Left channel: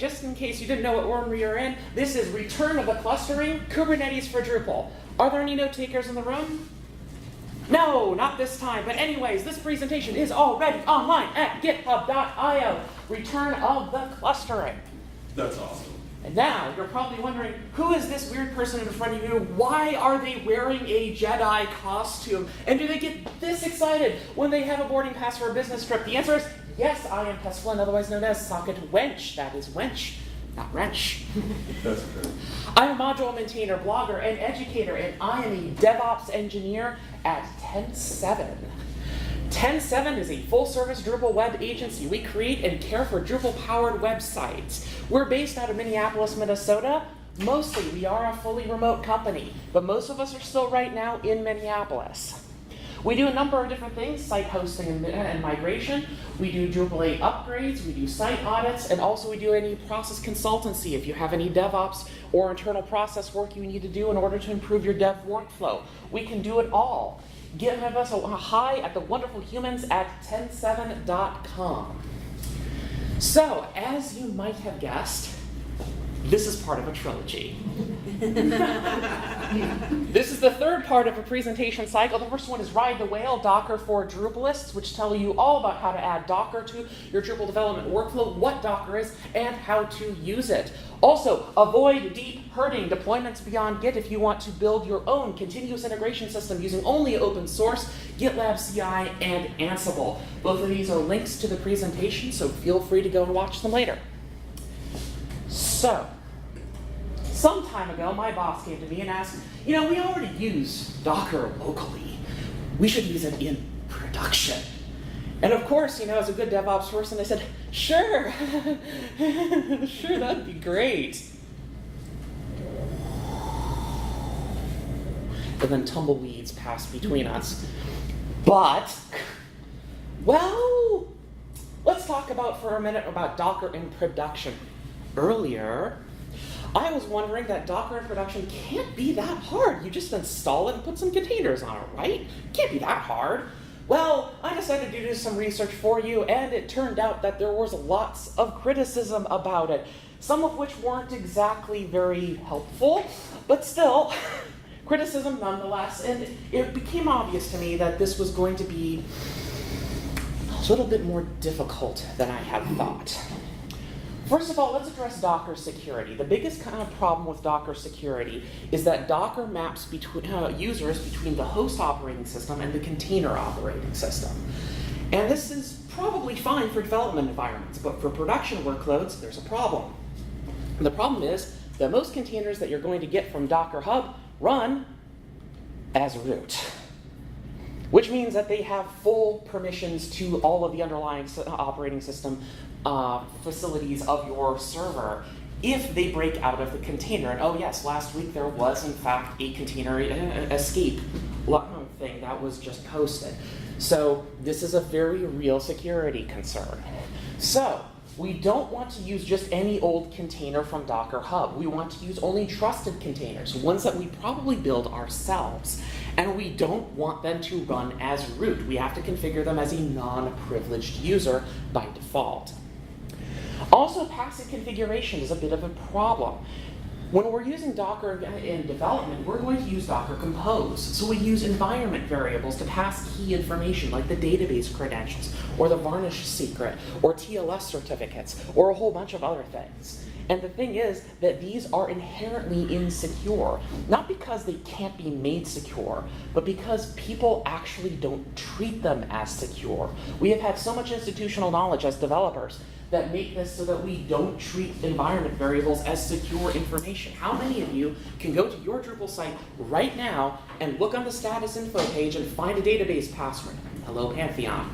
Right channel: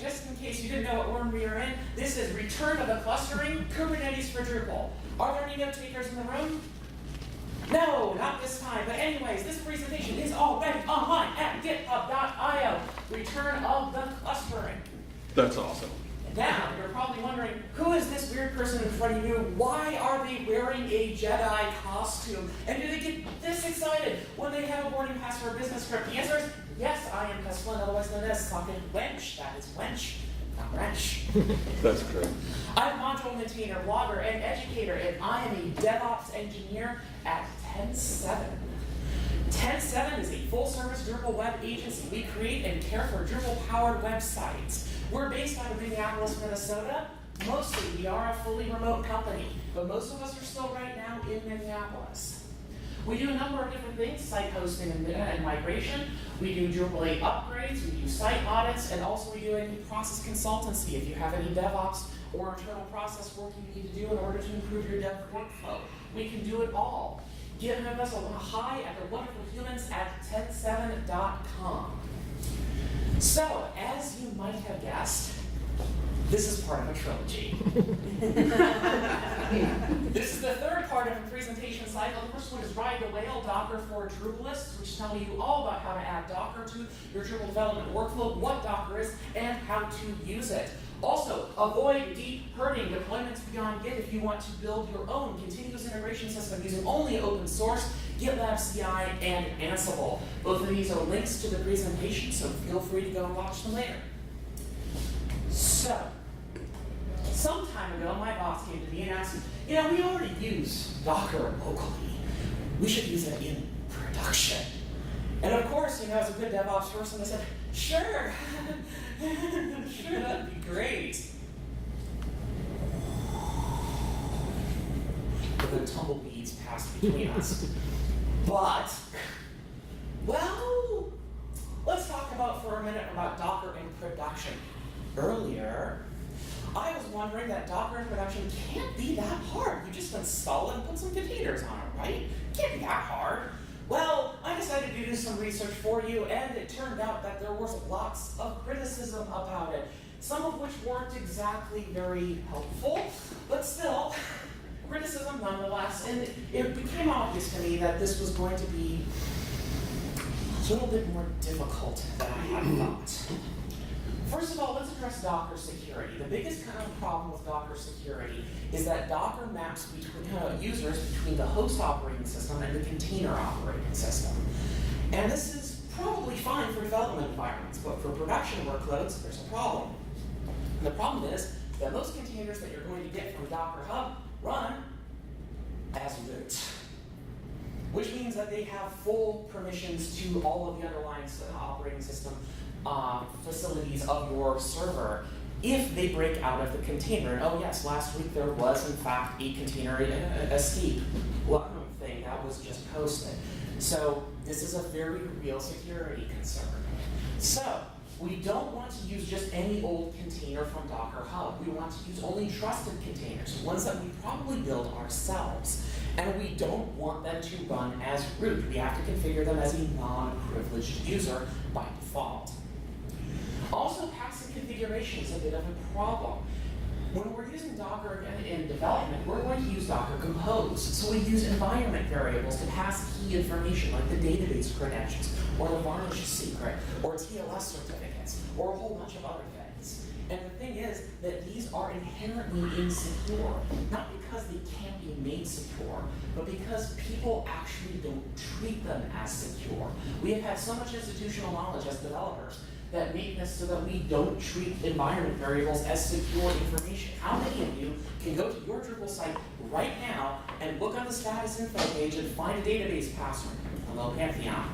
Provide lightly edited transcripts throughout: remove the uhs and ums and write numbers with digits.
just in case you didn't know what room we are in, this is Return of the Clustering, Kubernetes for Drupal. Are there any note takers in the room? No, not this time. But anyways, this presentation is already online at github.io. Return of the Clustering. That's awesome. And now, you're probably wondering, who is this weird person in front of you? Why are they wearing a Jedi costume? And do they get this excited when they have a boarding pass for a business trip? The answer is, yes, I am Tess Flynn, otherwise known as Socket Wench. That is wench, not wrench. That's true. I'm a module maintainer, blogger, and educator, and I am a DevOps engineer at 10.7. 10.7 is a full-service Drupal web agency. We create and care for Drupal-powered websites. We're based out of Minneapolis, Minnesota. Mostly, we are a fully remote company, but most of us are still right now in Minneapolis. We do a number of different things, site hosting and migration. We do Drupal 8 upgrades, we do site audits, and also we do any process consultancy if you have any DevOps or internal process work you need to do in order to improve your dev workflow. We can do it all. Give us a hi at the wonderful humans at 10.7.com. So, as you might have guessed, this is part of a trilogy. This is the third part of a presentation cycle. The first one is Ride the Whale, Docker for Drupalists, which tell you all about how to add Docker to your Drupal development workflow, what Docker is, and how to use it. Also, avoid deep herding deployments beyond Git if you want to build your own continuous integration system using only open source, GitLab CI, and Ansible. Both of these are links to the presentation, so feel free to go and watch them later. So, some time ago, my boss came to me and asked, we already use Docker locally. We should use it in production. And of course, as a good DevOps person, I said, sure, sure, that'd be great. And then tumbleweeds passed between us. But, well, let's talk for a minute about Docker in production. Earlier, I was wondering that Docker in production can't be that hard. You just install it and put some containers on it, right? Can't be that hard. Well, I decided to do some research for you, and it turned out that there was lots of criticism about it, some of which weren't exactly very helpful, but still, criticism nonetheless, and it became obvious to me that this was going to be a little bit more difficult than I had thought. First of all, let's address Docker security. The biggest kind of problem with Docker security is that Docker maps users between the host operating system and the container operating system. And this is probably fine for development environments, but for production workloads, there's a problem. And the problem is that most containers that you're going to get from Docker Hub run as root, which means that they have full permissions to all of the underlying operating system facilities of your server if they break out of the container. And oh yes, last week there was in fact a container escape thing that was just posted. So this is a very real security concern. So we don't want to use just any old container from Docker Hub. We want to use only trusted containers, ones that we probably build ourselves. And we don't want them to run as root. We have to configure them as a non-privileged user by default. Also, passive configuration is a bit of a problem. When we're using Docker in development, we're going to use Docker Compose. So we use environment variables to pass key information like the database credentials, or the varnish secret, or TLS certificates, or a whole bunch of other things. And the thing is that these are inherently insecure, not because they can't be made secure, but because people actually don't treat them as secure. We have had so much institutional knowledge as developers that make this so that we don't treat environment variables as secure information. How many of you can go to your Drupal site right now and look on the status info page and find a database password? Hello, Pantheon.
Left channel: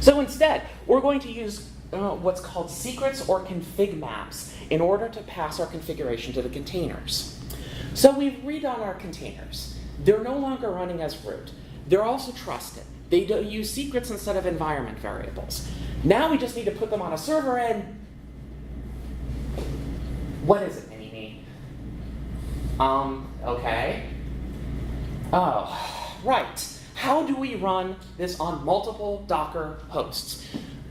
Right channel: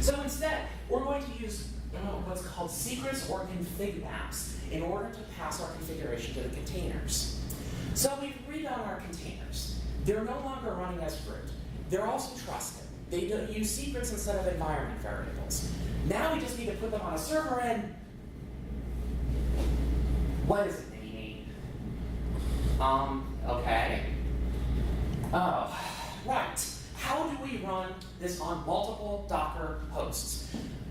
So instead, we're going to use what's called secrets or ConfigMaps in order to pass our configuration to the containers. So we've redone our containers. They're no longer running as root. They're also trusted. They use secrets instead of environment variables. Now we just need to put them on a server and what is it, Mini-Me? Okay. Oh, right. How do we run this on multiple Docker hosts?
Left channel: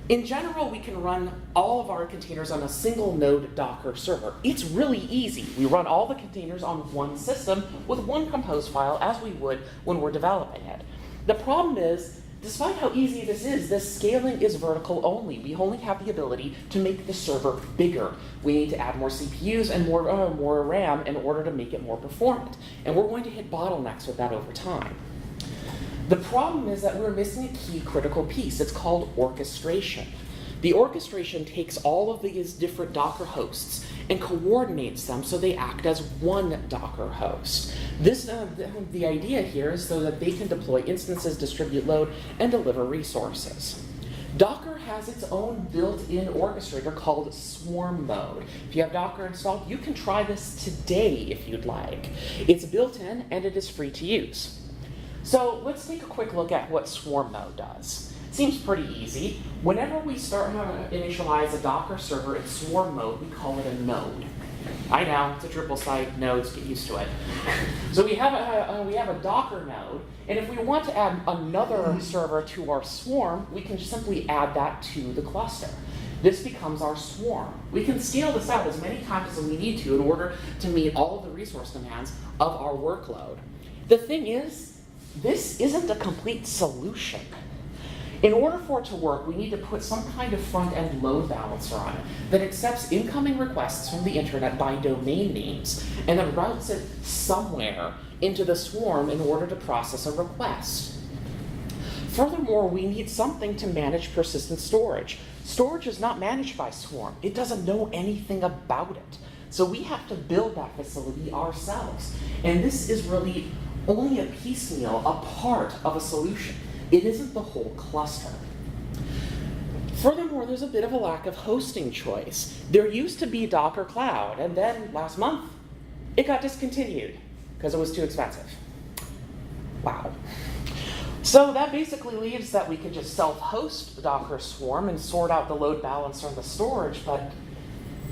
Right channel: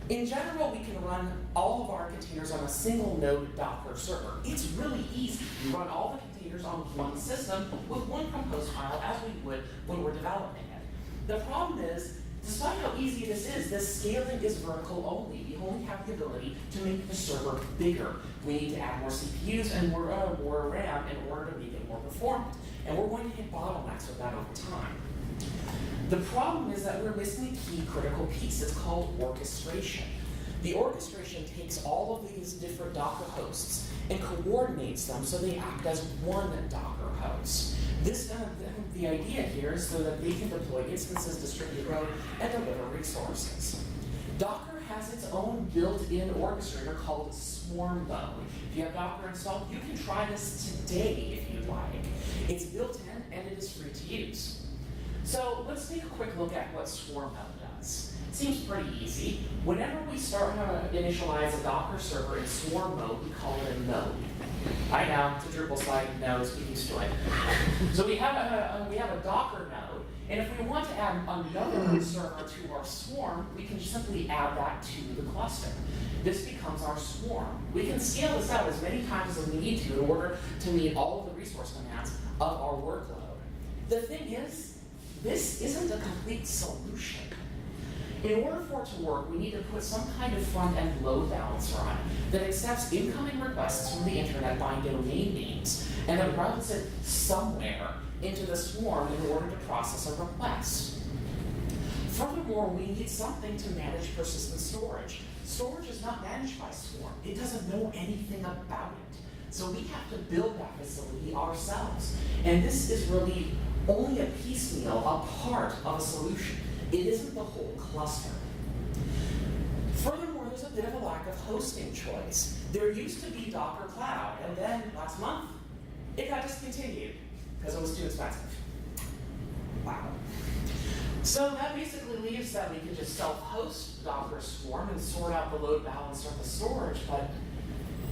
In general, we can run all of our containers on a single node Docker server. It's really easy. We run all the containers on one system with one compose file as we would when we're developing it. The problem is, despite how easy this is, this scaling is vertical only. We only have the ability to make the server bigger. We need to add more CPUs and more RAM in order to make it more performant. And we're going to hit bottlenecks with that over time. The problem is that we're missing a key critical piece. It's called orchestration. The orchestration takes all of these different Docker hosts and coordinates them so they act as one Docker host. The idea here is so that they can deploy instances, distribute load, and deliver resources. Docker has its own built-in orchestrator called swarm mode. If you have Docker installed, you can try this today if you'd like. It's built in and it is free to use. So let's take a quick look at what swarm mode does. Seems pretty easy. Whenever we start to initialize a Docker server in swarm mode, we call it a node. I know, it's a Drupal site, nodes, get used to it. So we have a Docker node, and if we want to add another server to our swarm, we can simply add that to the cluster. This becomes our swarm. We can scale this out as many times as we need to in order to meet all of the resource demands of our workload. The thing is, this isn't a complete solution. In order for it to work, we need to put some kind of front-end load balancer on it that accepts incoming requests from the internet by domain names and then routes it somewhere into the swarm in order to process a request. Furthermore, we need something to manage persistent storage. Storage is not managed by Swarm. It doesn't know anything about it. So we have to build that facility ourselves. And this is really only a piecemeal, a part of a solution. It isn't the whole cluster. Furthermore, there's a bit of a lack of hosting choice. There used to be Docker Cloud, and then last month, it got discontinued because it was too expensive. Wow. So that basically leaves that we can just self-host the Docker Swarm and sort out the load balancer and the storage, but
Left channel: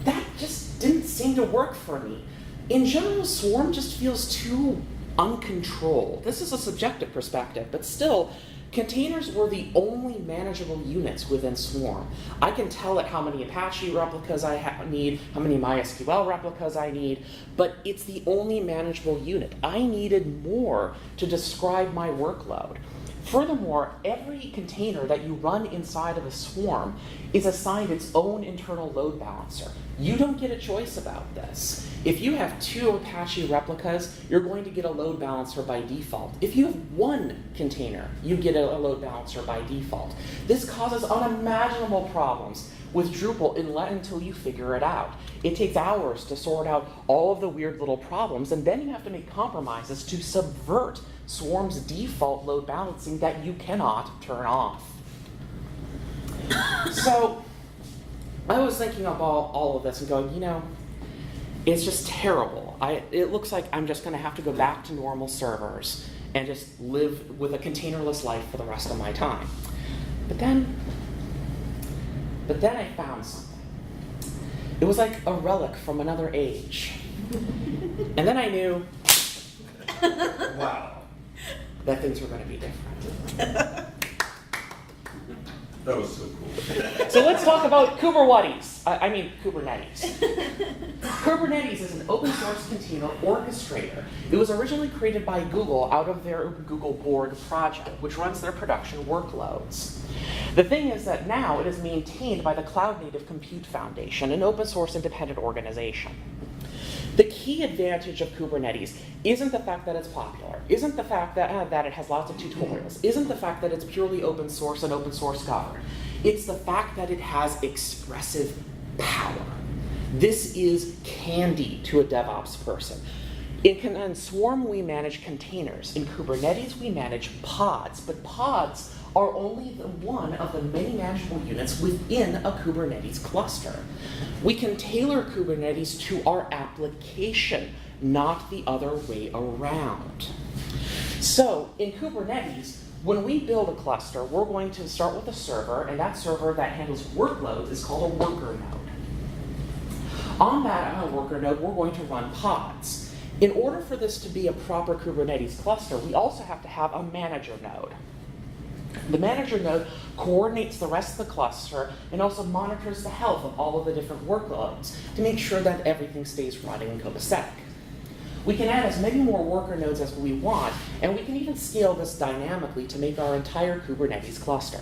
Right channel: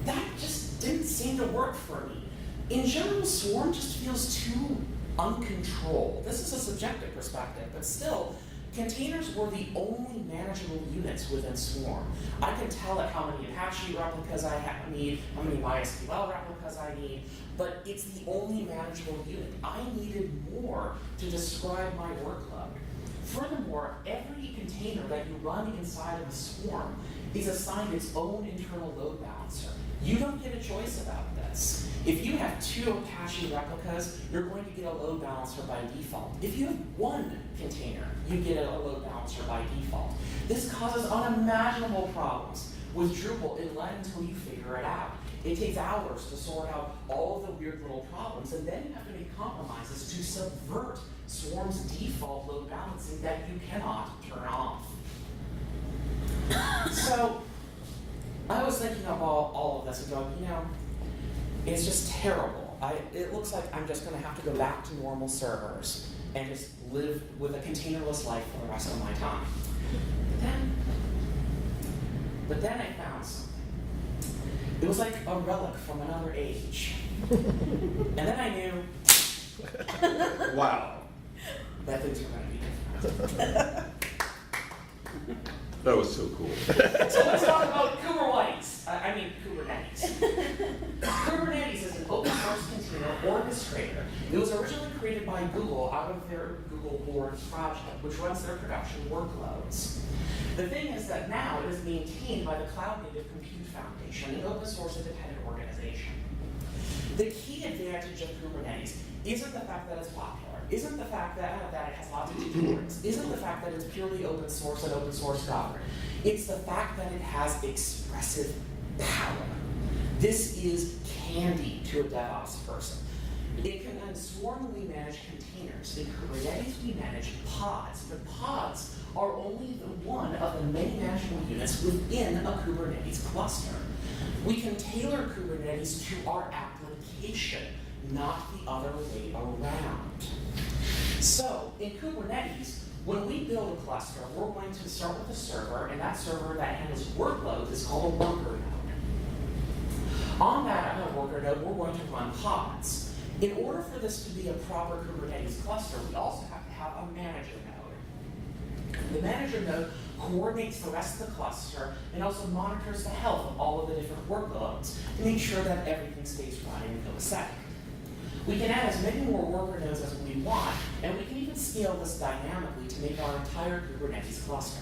that just didn't seem to work for me. In general, Swarm just feels too uncontrolled. This is a subjective perspective, but still, containers were the only manageable units within Swarm. I can tell it how many Apache replicas I need, how many MySQL replicas I need, but it's the only manageable unit. I needed more to describe my workload. Furthermore, every container that you run inside of a Swarm is assigned its own internal load balancer. You don't get a choice about this. If you have 2 Apache replicas, you're going to get a load balancer by default. If you have 1 container, you get a load balancer by default. This causes unimaginable problems with Drupal until you figure it out. It takes hours to sort out all of the weird little problems, and then you have to make compromises to subvert Swarm's default load balancing that you cannot turn off. So I was thinking about all of this and going, you know, it's just terrible. It looks like I'm just going to have to go back to normal servers and just live with a containerless life for the rest of my time. But then I found something. It was like a relic from another age. And then I knew, wow, that things were going to be different. That was so cool. So let's talk about Kubernetes. Kubernetes is an open source container orchestrator. It was originally created by Google out of their Google Board project, which runs their production workloads. The thing is that now it is maintained by the Cloud Native Compute Foundation, an open source independent organization. The key advantage of Kubernetes isn't the fact that it's popular, isn't the fact that it has lots of tutorials, isn't the fact that it's purely open source and open source Docker. It's the fact that it has expressive power. This is candy to a DevOps person. In Swarm, we manage containers. In Kubernetes, we manage pods, but pods are only one of the many manageable units within a Kubernetes cluster. We can tailor Kubernetes to our application, not the other way around. So in Kubernetes, when we build a cluster, we're going to start with a server, and that server that handles workloads is called a worker node. On that worker node, we're going to run pods. In order for this to be a proper Kubernetes cluster, we also have to have a manager node. The manager node coordinates the rest of the cluster, and also monitors the health of all of the different workloads to make sure that everything stays running and copacetic. We can add as many more worker nodes as we want, and we can even scale this dynamically to make our entire Kubernetes cluster.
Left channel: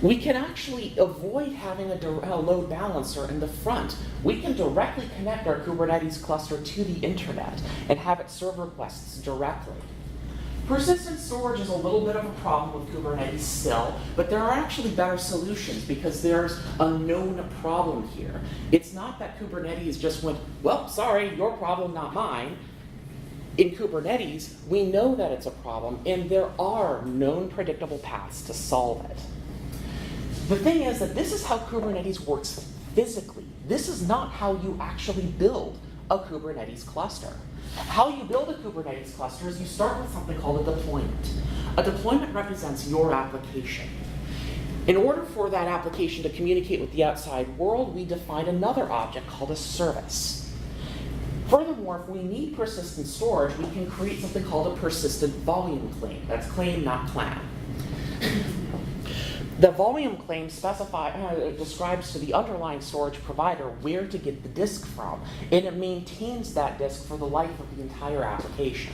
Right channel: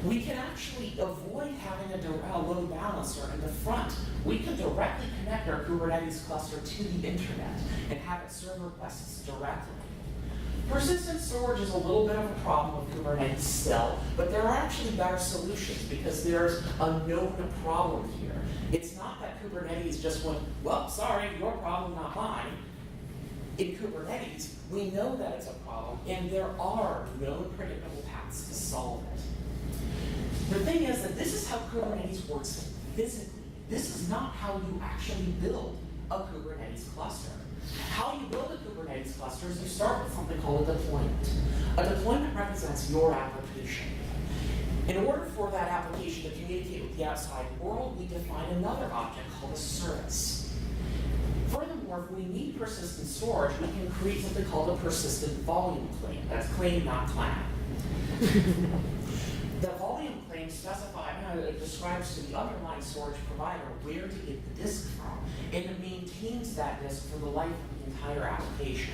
We can actually avoid having a load balancer in the front. We can directly connect our Kubernetes cluster to the internet and have it serve requests directly. Persistent storage is a little bit of a problem with Kubernetes still, but there are actually better solutions because there's a known problem here. It's not that Kubernetes just went, well, sorry, your problem, not mine. In Kubernetes, we know that it's a problem, and there are known predictable paths to solve it. The thing is that this is how Kubernetes works physically. This is not how you actually build a Kubernetes cluster. How you build a Kubernetes cluster is you start with something called a deployment. A deployment represents your application. In order for that application to communicate with the outside world, we define another object called a service. Furthermore, if we need persistent storage, we can create something called a persistent volume claim. That's claim, not clan. The volume claim describes to the underlying storage provider where to get the disk from, and it maintains that disk for the life of the entire application.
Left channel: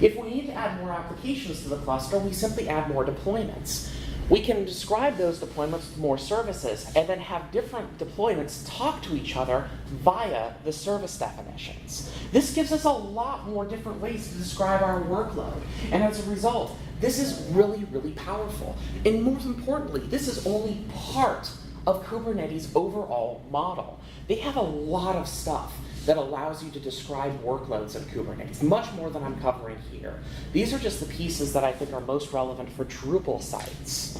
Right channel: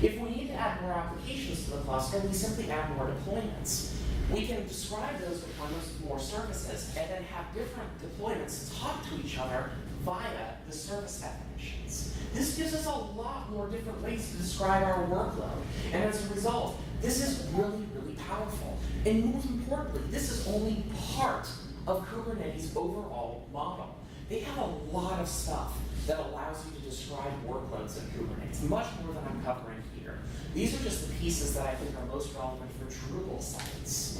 If we need to add more applications to the cluster, we simply add more deployments. We can describe those deployments with more services, and then have different deployments talk to each other via the service definitions. This gives us a lot more different ways to describe our workload, and as a result, this is really, really powerful. And most importantly, this is only part of Kubernetes' overall model. They have a lot of stuff that allows you to describe workloads in Kubernetes, much more than I'm covering here. These are just the pieces that I think are most relevant for Drupal sites.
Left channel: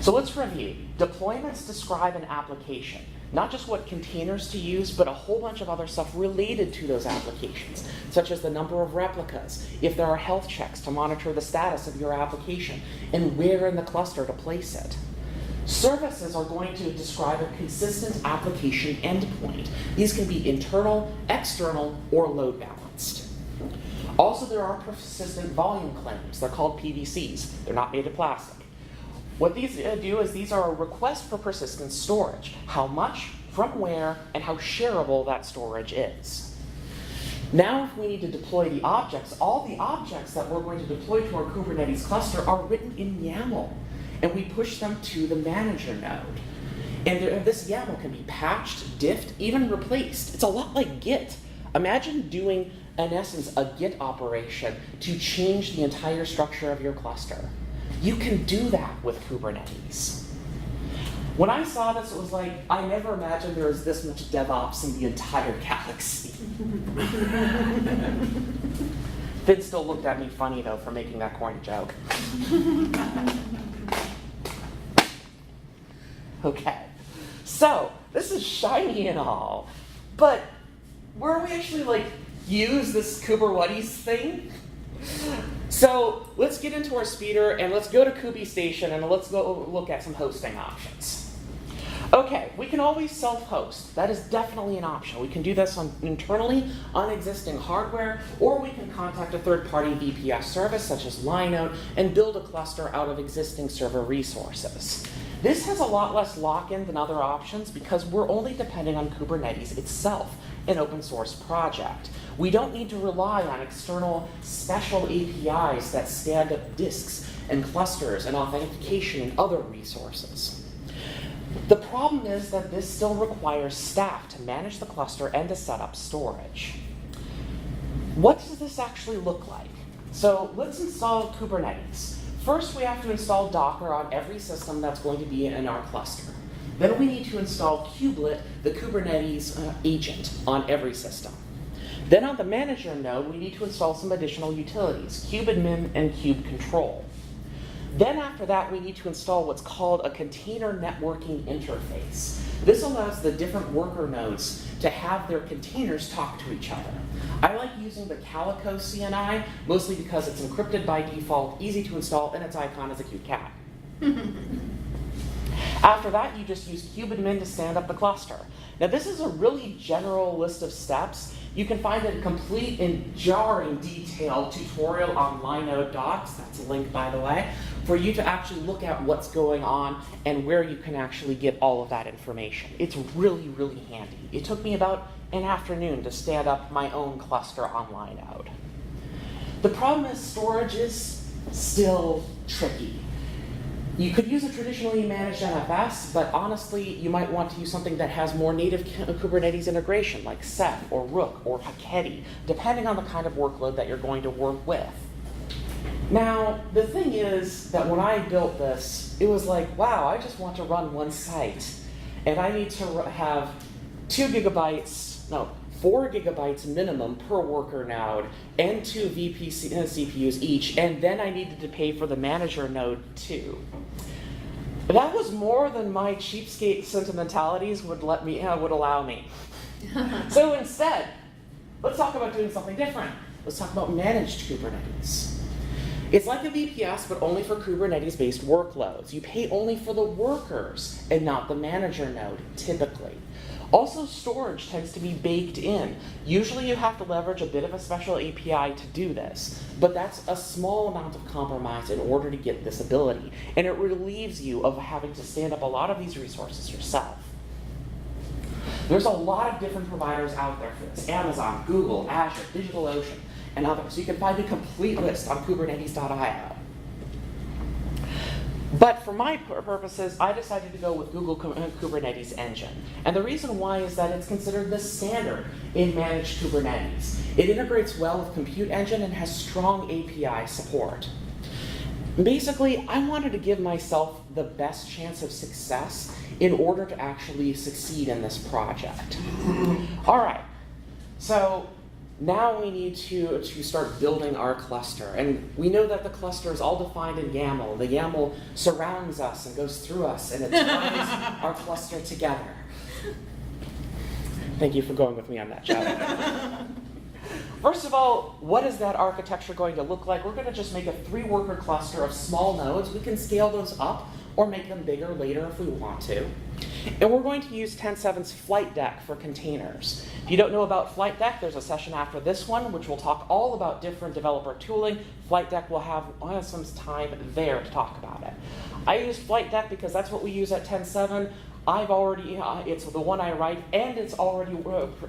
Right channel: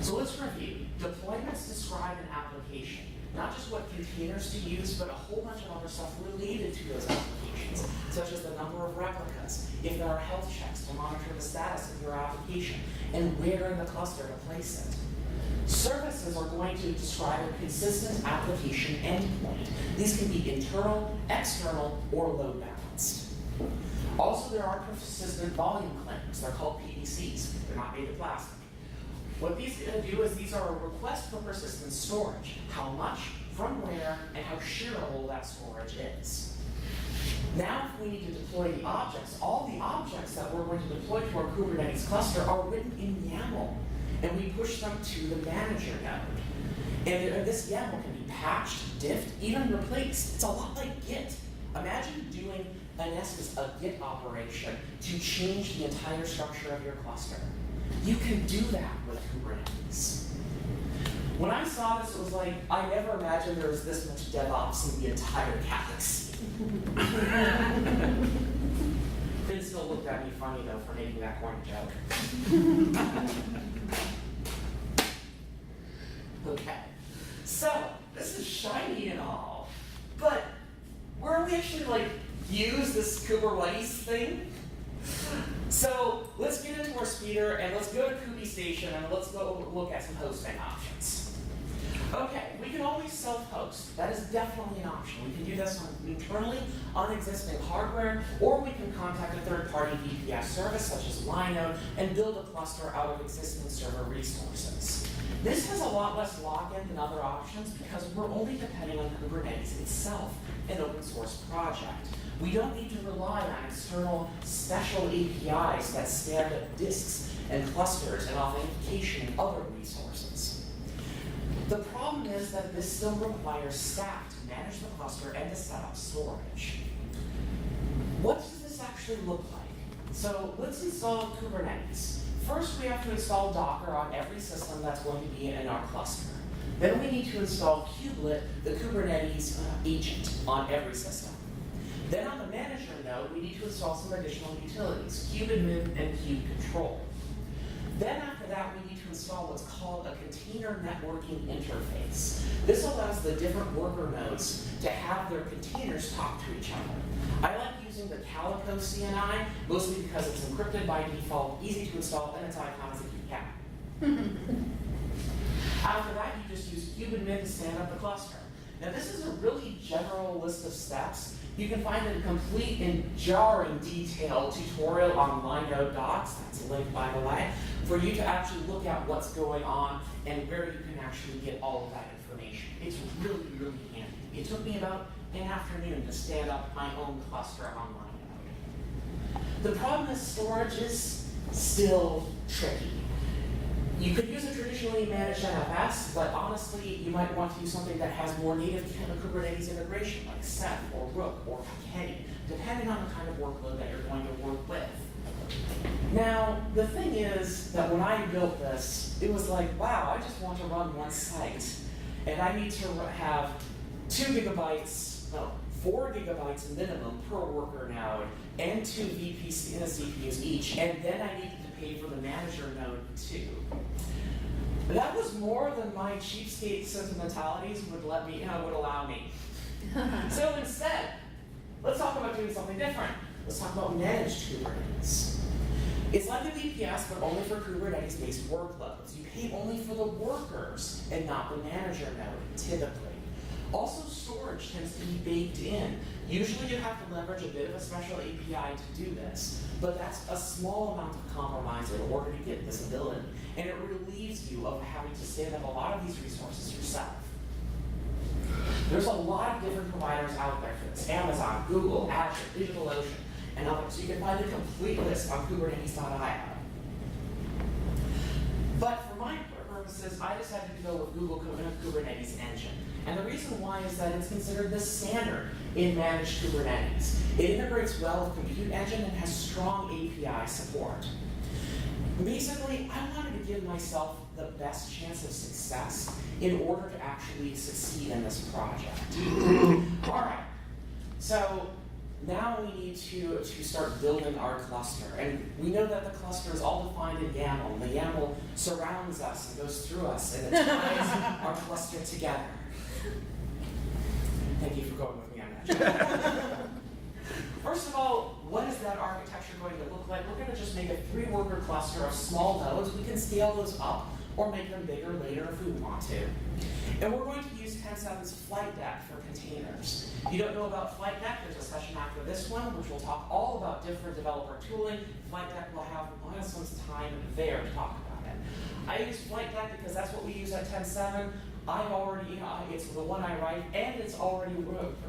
So let's review. Deployments describe an application, not just what containers to use, but a whole bunch of other stuff related to those applications, such as the number of replicas, if there are health checks to monitor the status of your application, and where in the cluster to place it. Services are going to describe a consistent application endpoint. These can be internal, external, or load balanced. Also, there are persistent volume claims. They're called PVCS. They're not made of plastic. What these do is these are a request for persistent storage. How much, from where, and how shareable that storage is. Now, if we need to deploy the objects, all the objects that we're going to deploy to our Kubernetes cluster are written in YAML, and we push them to the manager node. And this YAML can be patched, diffed, even replaced. It's a lot like Git. Imagine doing, in essence, a Git operation to change the entire structure of your cluster. You can do that with Kubernetes. When I saw this, it was like, I never imagined there was this much DevOps in the entire galaxy. Finn still looked at me funny, though, for making that corny joke. Okay, so this is shiny and all, but where we actually use this Kubernetes thing? So let's get into our speeder and let's go to KubeStation and let's go look at some hosting options. Okay, we can always self-host. That is definitely an option. We can do this internally on existing hardware, or we can contact a third-party VPS service such as Linode and build a cluster out of existing server resources. This has a lot less lock-in than other options because we're only depending on Kubernetes itself, an open source project. We don't need to rely on external special APIs that stand up disks and clusters and authentication and other resources. The problem is that this still requires staff to manage the cluster and to set up storage. What does this actually look like? So let's install Kubernetes. First, we have to install Docker on every system that's going to be in our cluster. Then we need to install kubelet, the Kubernetes agent, on every system. Then on the manager node, we need to install some additional utilities, kubeadm and kubecontrol. Then after that, we need to install what's called a container networking interface. This allows the different worker nodes to have their containers talk to each other. I like using the Calico CNI, mostly because it's encrypted by default, easy to install, and its icon is a cute cat. After that, you just use kubeadm to stand up the cluster. Now this is a really general list of steps. you can find a complete and jarring detailed tutorial on Linode Docs, that's a link by the way, for you to actually look at what's going on and where you can actually get all of that information. It's really, really handy. It took me about an afternoon to stand up my own cluster on Linode. The problem is storage is still tricky. You could use a traditionally managed NFS, but honestly, you might want to use something that has more native Kubernetes integration, like Ceph or Rook or Haketi, depending on the kind of workload that you're going to work with. Now, the thing is that when I built this, it was like, wow, I just want to run one site, and I need to have 4 gigabytes minimum per worker node, and 2 CPUs each, and then I needed to pay for the manager node too. That was more than my cheapskate sentimentalities would allow me. So instead, let's talk about doing something different. Let's talk about managed Kubernetes. It's like a VPS, but only for Kubernetes-based workloads. You pay only for the workers and not the manager node, typically. Also, storage tends to be baked in. Usually you have to leverage a bit of a special API to do this, but that's a small amount of compromise in order to get this ability, and it relieves you of having to stand up a lot of these resources yourself. There's a lot of different providers out there for this: Amazon, Google, Azure, DigitalOcean, and others. So you can find a complete list on kubernetes.io. But for my purposes, I decided to go with Google Kubernetes Engine. And the reason why is that it's considered the standard in managed Kubernetes. It integrates well with Compute Engine and has strong API support. Basically, I wanted to give myself the best chance of success in order to actually succeed in this project. All right, so now we need to start building our cluster. And we know that the cluster is all defined in YAML. The YAML surrounds us and goes through us, and it ties our cluster together. Thank you for going with me on that, Chad. First of all, what is that architecture going to look like? We're going to just make a 3-worker cluster of small nodes. We can scale those up or make them bigger later if we want to. And we're going to use 10.7's Flight Deck for containers. If you don't know about Flight Deck, there's a session after this one which will talk all about different developer tooling. Flight Deck will have some time there to talk about it. I use Flight Deck because that's what we use at 10.7. It's the one I write, and it's already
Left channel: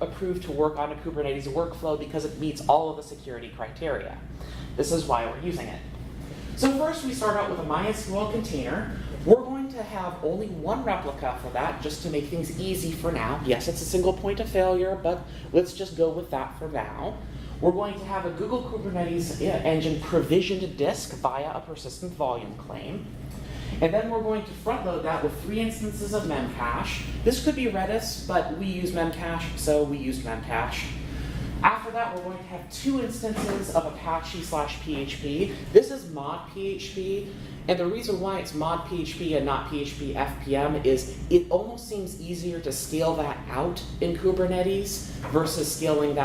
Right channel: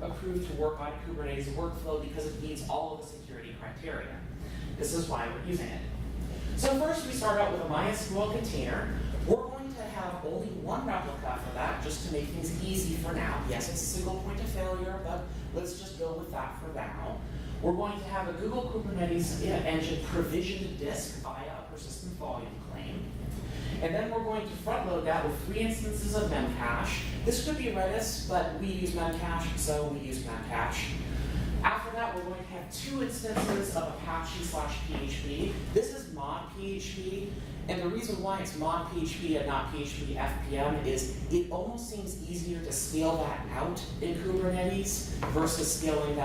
approved to work on a Kubernetes workflow because it meets all of the security criteria. This is why we're using it. So first we start out with a MySQL container. We're going to have only one replica for that, just to make things easy for now. Yes, it's a single point of failure, but let's just go with that for now. We're going to have a Google Kubernetes Engine provisioned disk via a persistent volume claim. And then we're going to front load that with 3 instances of Memcache. This could be Redis, but we use Memcache, so we use Memcache. After that, we're going to have 2 instances of Apache/PHP. This is mod PHP, and the reason why it's mod PHP and not PHP FPM is it almost seems easier to scale that out in Kubernetes versus scaling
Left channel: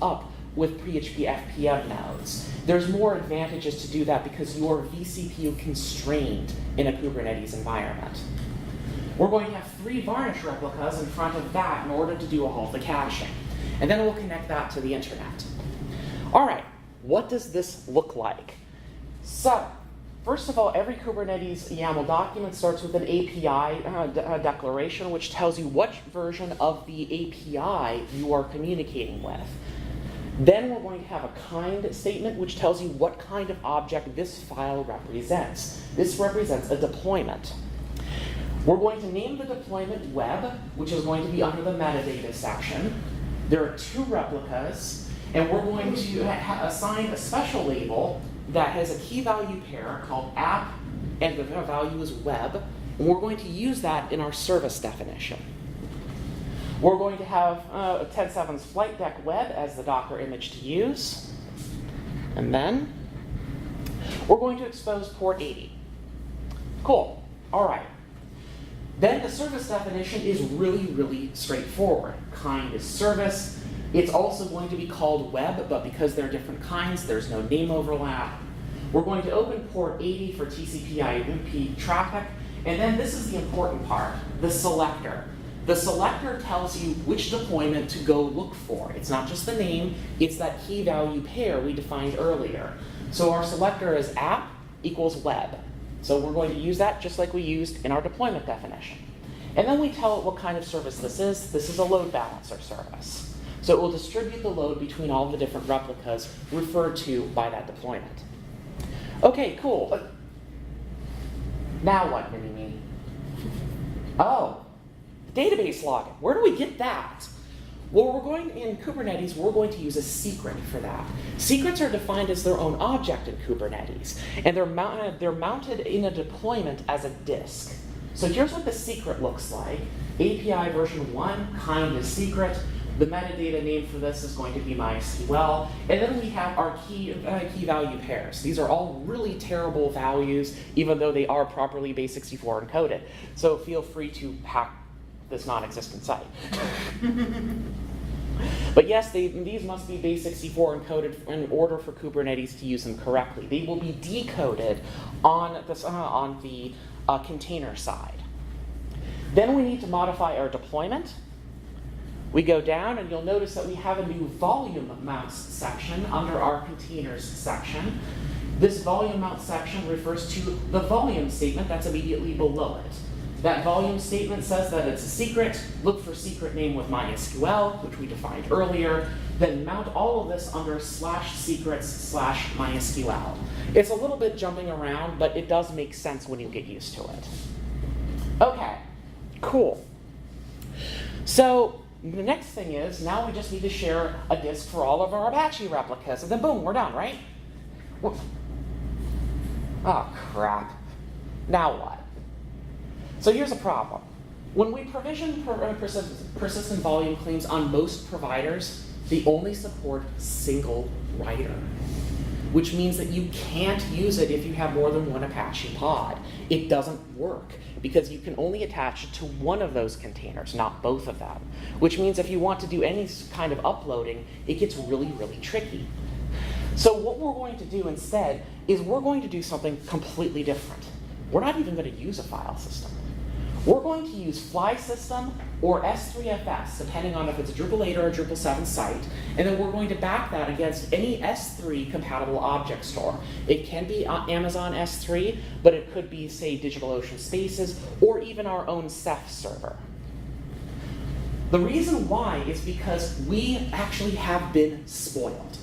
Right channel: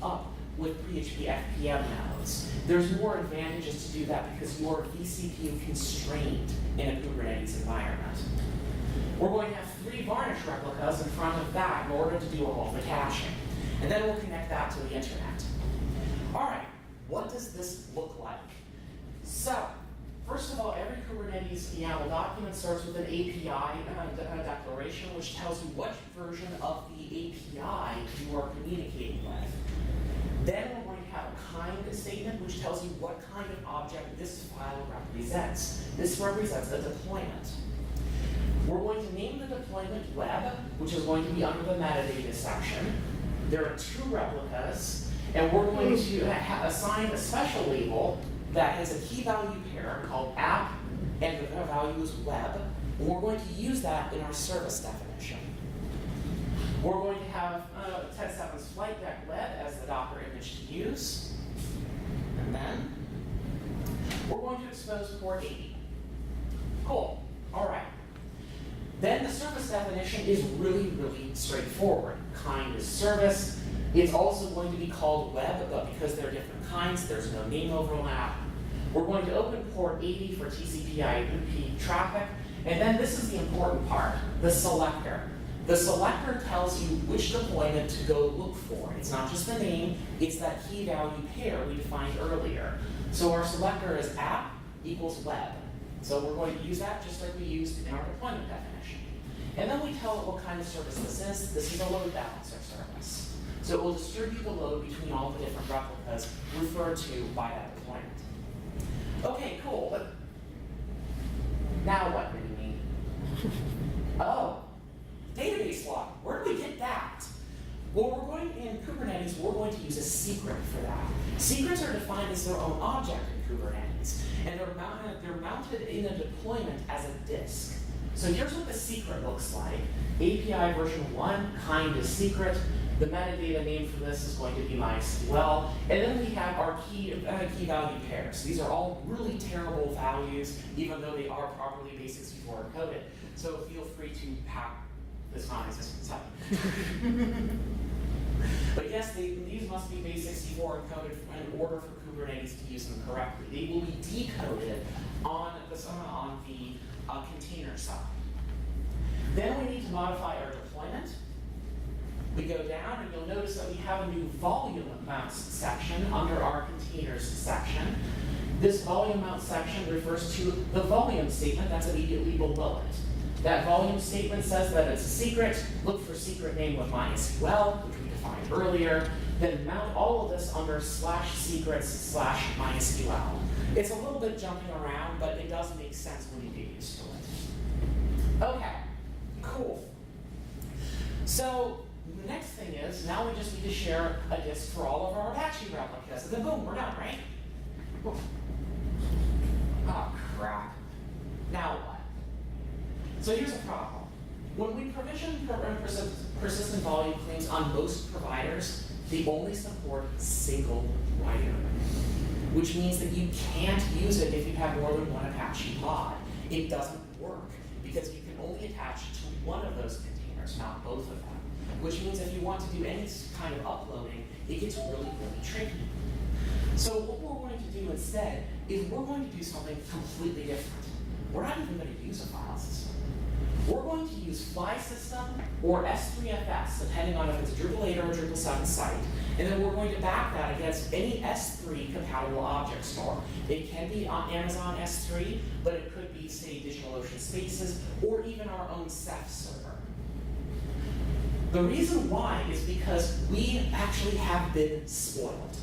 up with PHP FPM nodes. There's more advantages to do that because you are vCPU constrained in a Kubernetes environment. We're going to have 3 varnish replicas in front of that in order to do all the caching. And then we'll connect that to the internet. All right, what does this look like? So, first of all, every Kubernetes YAML document starts with an API declaration, which tells you what version of the API you are communicating with. Then we're going to have a kind statement, which tells you what kind of object this file represents. This represents a deployment. We're going to name the deployment web, which is going to be under the metadata section. There are 2 replicas, and we're going to assign a special label that has a key value pair called app, and the value is web, and we're going to use that in our service definition. We're going to have 10.7's Flight Deck Web as the Docker image to use. And then we're going to expose port 80. Cool. All right. Then the service definition is really, really straightforward. Kind is service. It's also going to be called web, but because there are different kinds, there's no name overlap. We're going to open port 80 for TCP/IP traffic. And then this is the important part, the selector. The selector tells you which deployment to go look for. It's not just the name, it's that key value pair we defined earlier. So our selector is app equals web. So we're going to use that just like we used in our deployment definition. And then we tell it what kind of service this is. This is a load balancer service. So it will distribute the load between all the different replicas referred to by that deployment. Okay, cool. But now what, mini-me? Oh, database logging. Where do we get that? Well, in Kubernetes, we're going to use a secret for that. Secrets are defined as their own object in Kubernetes, and they're mounted in a deployment as a disk. So here's what the secret looks like. API version 1, kind is secret. The metadata name for this is going to be MySQL. And then we have our key value pairs. These are all really terrible values, even though they are properly base64 encoded. So feel free to hack this non-existent site. But yes, these must be base64 encoded in order for Kubernetes to use them correctly. They will be decoded on the container side. Then we need to modify our deployment. We go down and you'll notice that we have a new volume mounts section under our containers section. This volume mount section refers to the volume statement that's immediately below it. That volume statement says that it's a secret. Look for secret name with MySQL, which we defined earlier. Then mount all of this under /secrets/MySQL. It's a little bit jumping around, but it does make sense when you get used to it. Okay, cool. So the next thing is, now we just need to share a disk for all of our Apache replicas, and then boom, we're done, right? Oh, crap. Now what? So here's a problem. When we provision persistent volume claims on most providers, they only support single writer, which means that you can't use it if you have more than one Apache pod. It doesn't work because you can only attach it to one of those containers, not both of them, which means if you want to do any kind of uploading, it gets really, really tricky. So what we're going to do instead is we're going to do something completely different. We're not even going to use a file system. We're going to use Fly System or S3FS, depending on if it's a Drupal 8 or a Drupal 7 site, and then we're going to back that against any S3 compatible object store. It can be Amazon S3, but it could be, say, DigitalOcean Spaces, or even our own Ceph server. The reason why is because we actually have been spoiled.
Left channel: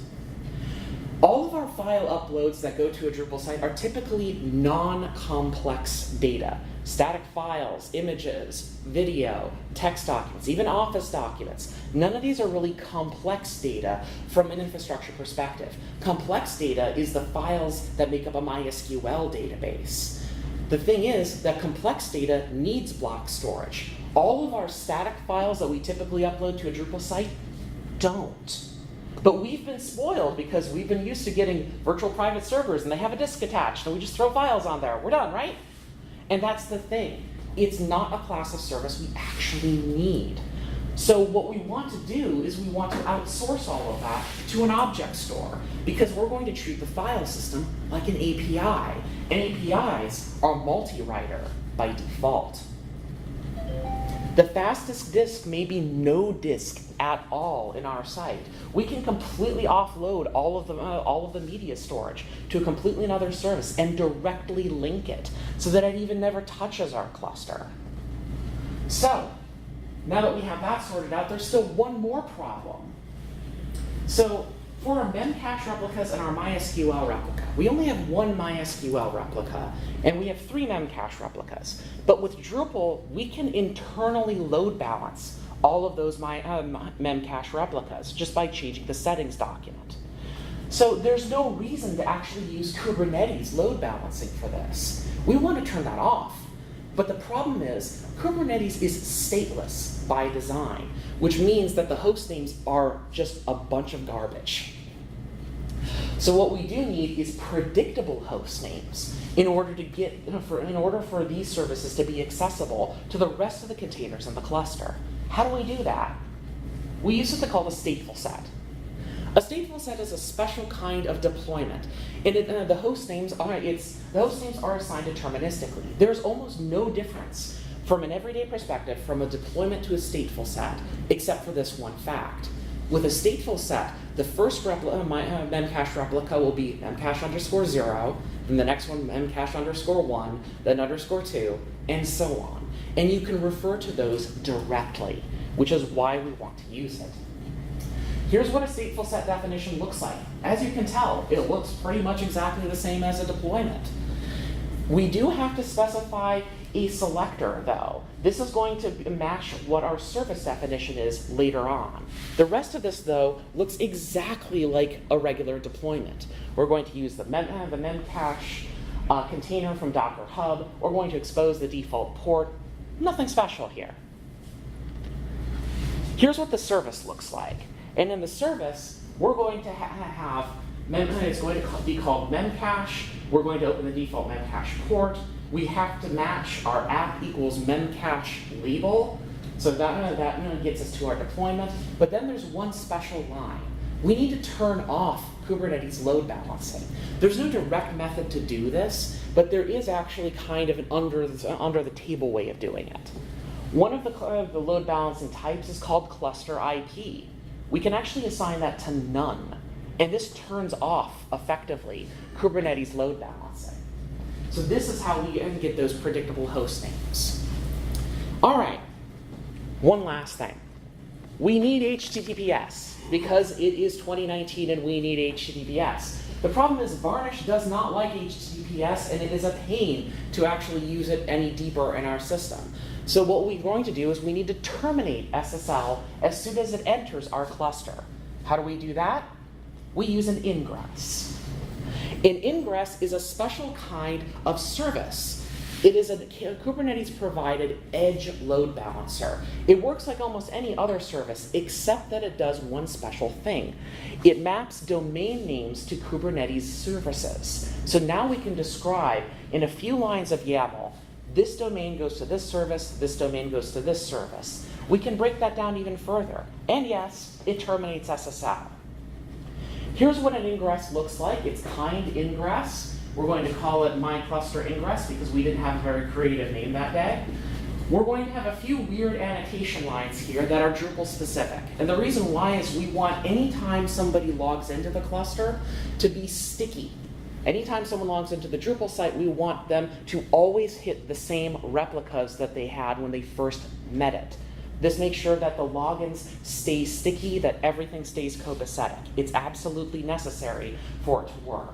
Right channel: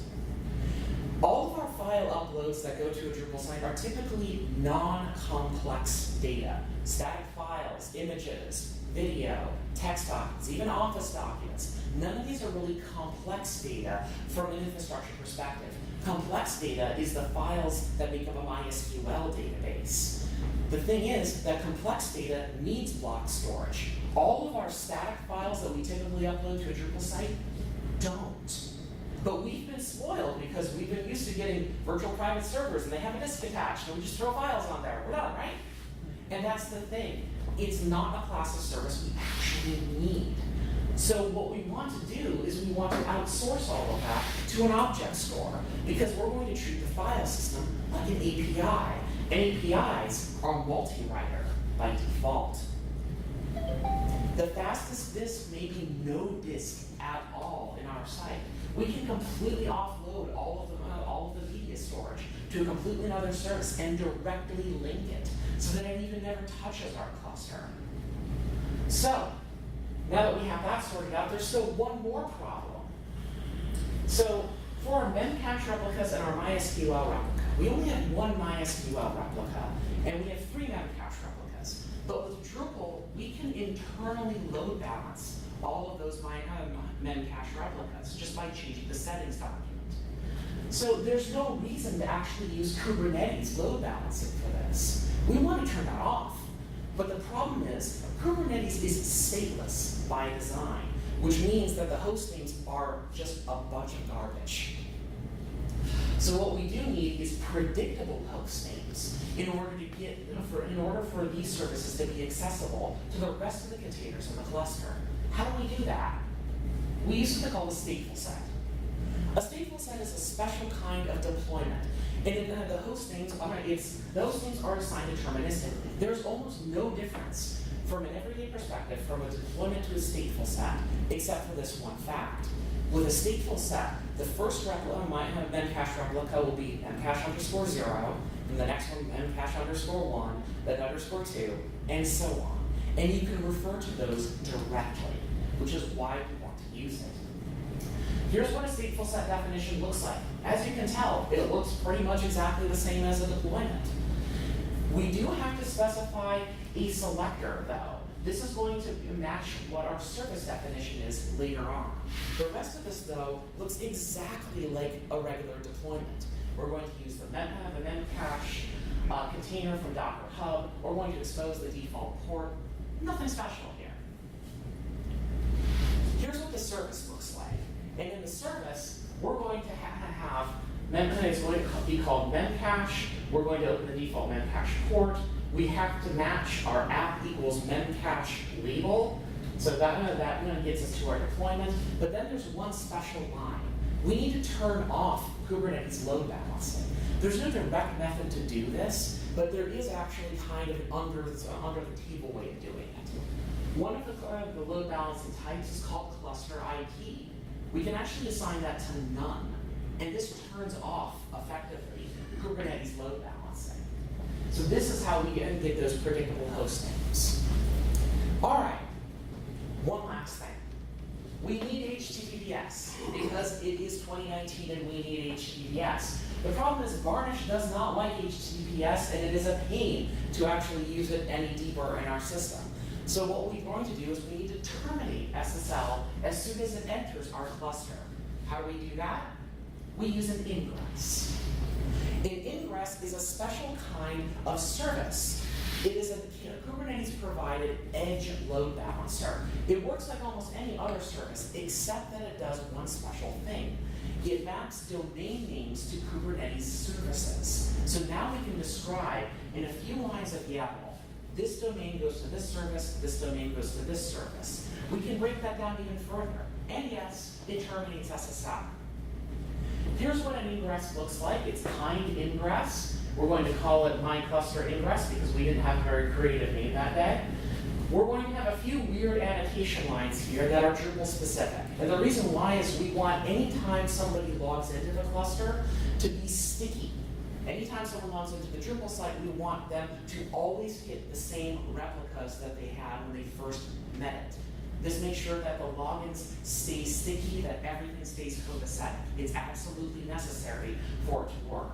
All of our file uploads that go to a Drupal site are typically non-complex data. Static files, images, video, text documents, even Office documents. None of these are really complex data from an infrastructure perspective. Complex data is the files that make up a MySQL database. The thing is that complex data needs block storage. All of our static files that we typically upload to a Drupal site don't. But we've been spoiled because we've been used to getting virtual private servers and they have a disk attached and we just throw files on there. We're done, right? And that's the thing. It's not a class of service we actually need. So what we want to do is we want to outsource all of that to an object store because we're going to treat the file system like an API. And APIs are multi-writer by default. The fastest disk may be no disk at all in our site. We can completely offload all of the media storage to a completely another service and directly link it so that it even never touches our cluster. So, now that we have that sorted out, there's still one more problem. So, for our Memcache replicas and our MySQL replica, we only have one MySQL replica, and we have 3 Memcache replicas. But with Drupal, we can internally load balance all of those Memcache replicas just by changing the settings document. So there's no reason to actually use Kubernetes load balancing for this. We want to turn that off. But the problem is, Kubernetes is stateless by design, which means that the host names are just a bunch of garbage. So what we do need is predictable host names in order for these services to be accessible to the rest of the containers in the cluster. How do we do that? We use what they call a stateful set. A stateful set is a special kind of deployment, and the host names are assigned deterministically. There's almost no difference from an everyday perspective, from a deployment to a stateful set, except for this one fact. With a stateful set, the first memcache replica will be memcache_0, and the next one memcache_1, then _2, and so on. And you can refer to those directly, which is why we want to use it. Here's what a stateful set definition looks like. As you can tell, it looks pretty much exactly the same as a deployment. We do have to specify a selector, though. This is going to match what our service definition is later on. The rest of this, though, looks exactly like a regular deployment. We're going to use the memcache container from Docker Hub. We're going to expose the default port. Nothing special here. Here's what the service looks like. And in the service, we're going to have, it's going to be called memcache. We're going to open the default memcache port. We have to match our app equals memcache label. So that gets us to our deployment. But then there's one special line. We need to turn off Kubernetes load balancing. There's no direct method to do this, but there is actually kind of an under the table way of doing it. One of the load balancing types is called cluster IP. We can actually assign that to none, and this turns off, effectively, Kubernetes load balancing. So this is how we get those predictable host names. All right, one last thing. We need HTTPS, because it is 2019 and we need HTTPS. The problem is Varnish does not like HTTPS, and it is a pain to actually use it any deeper in our system. So what we're going to do is we need to terminate SSL as soon as it enters our cluster. How do we do that? We use an ingress. An ingress is a special kind of service. It is a Kubernetes-provided edge load balancer. It works like almost any other service, except that it does one special thing. It maps domain names to Kubernetes services. So now we can describe in a few lines of YAML, this domain goes to this service, this domain goes to this service. We can break that down even further. And yes, it terminates SSL. Here's what an ingress looks like. It's kind ingress. We're going to call it my cluster ingress because we didn't have a very creative name that day. We're going to have a few weird annotation lines here that are Drupal specific. And the reason why is we want anytime somebody logs into the cluster to be sticky. Anytime someone logs into the Drupal site, we want them to always hit the same replicas that they had when they first met it. This makes sure that the logins stay sticky, that everything stays copacetic. It's absolutely necessary for it to work.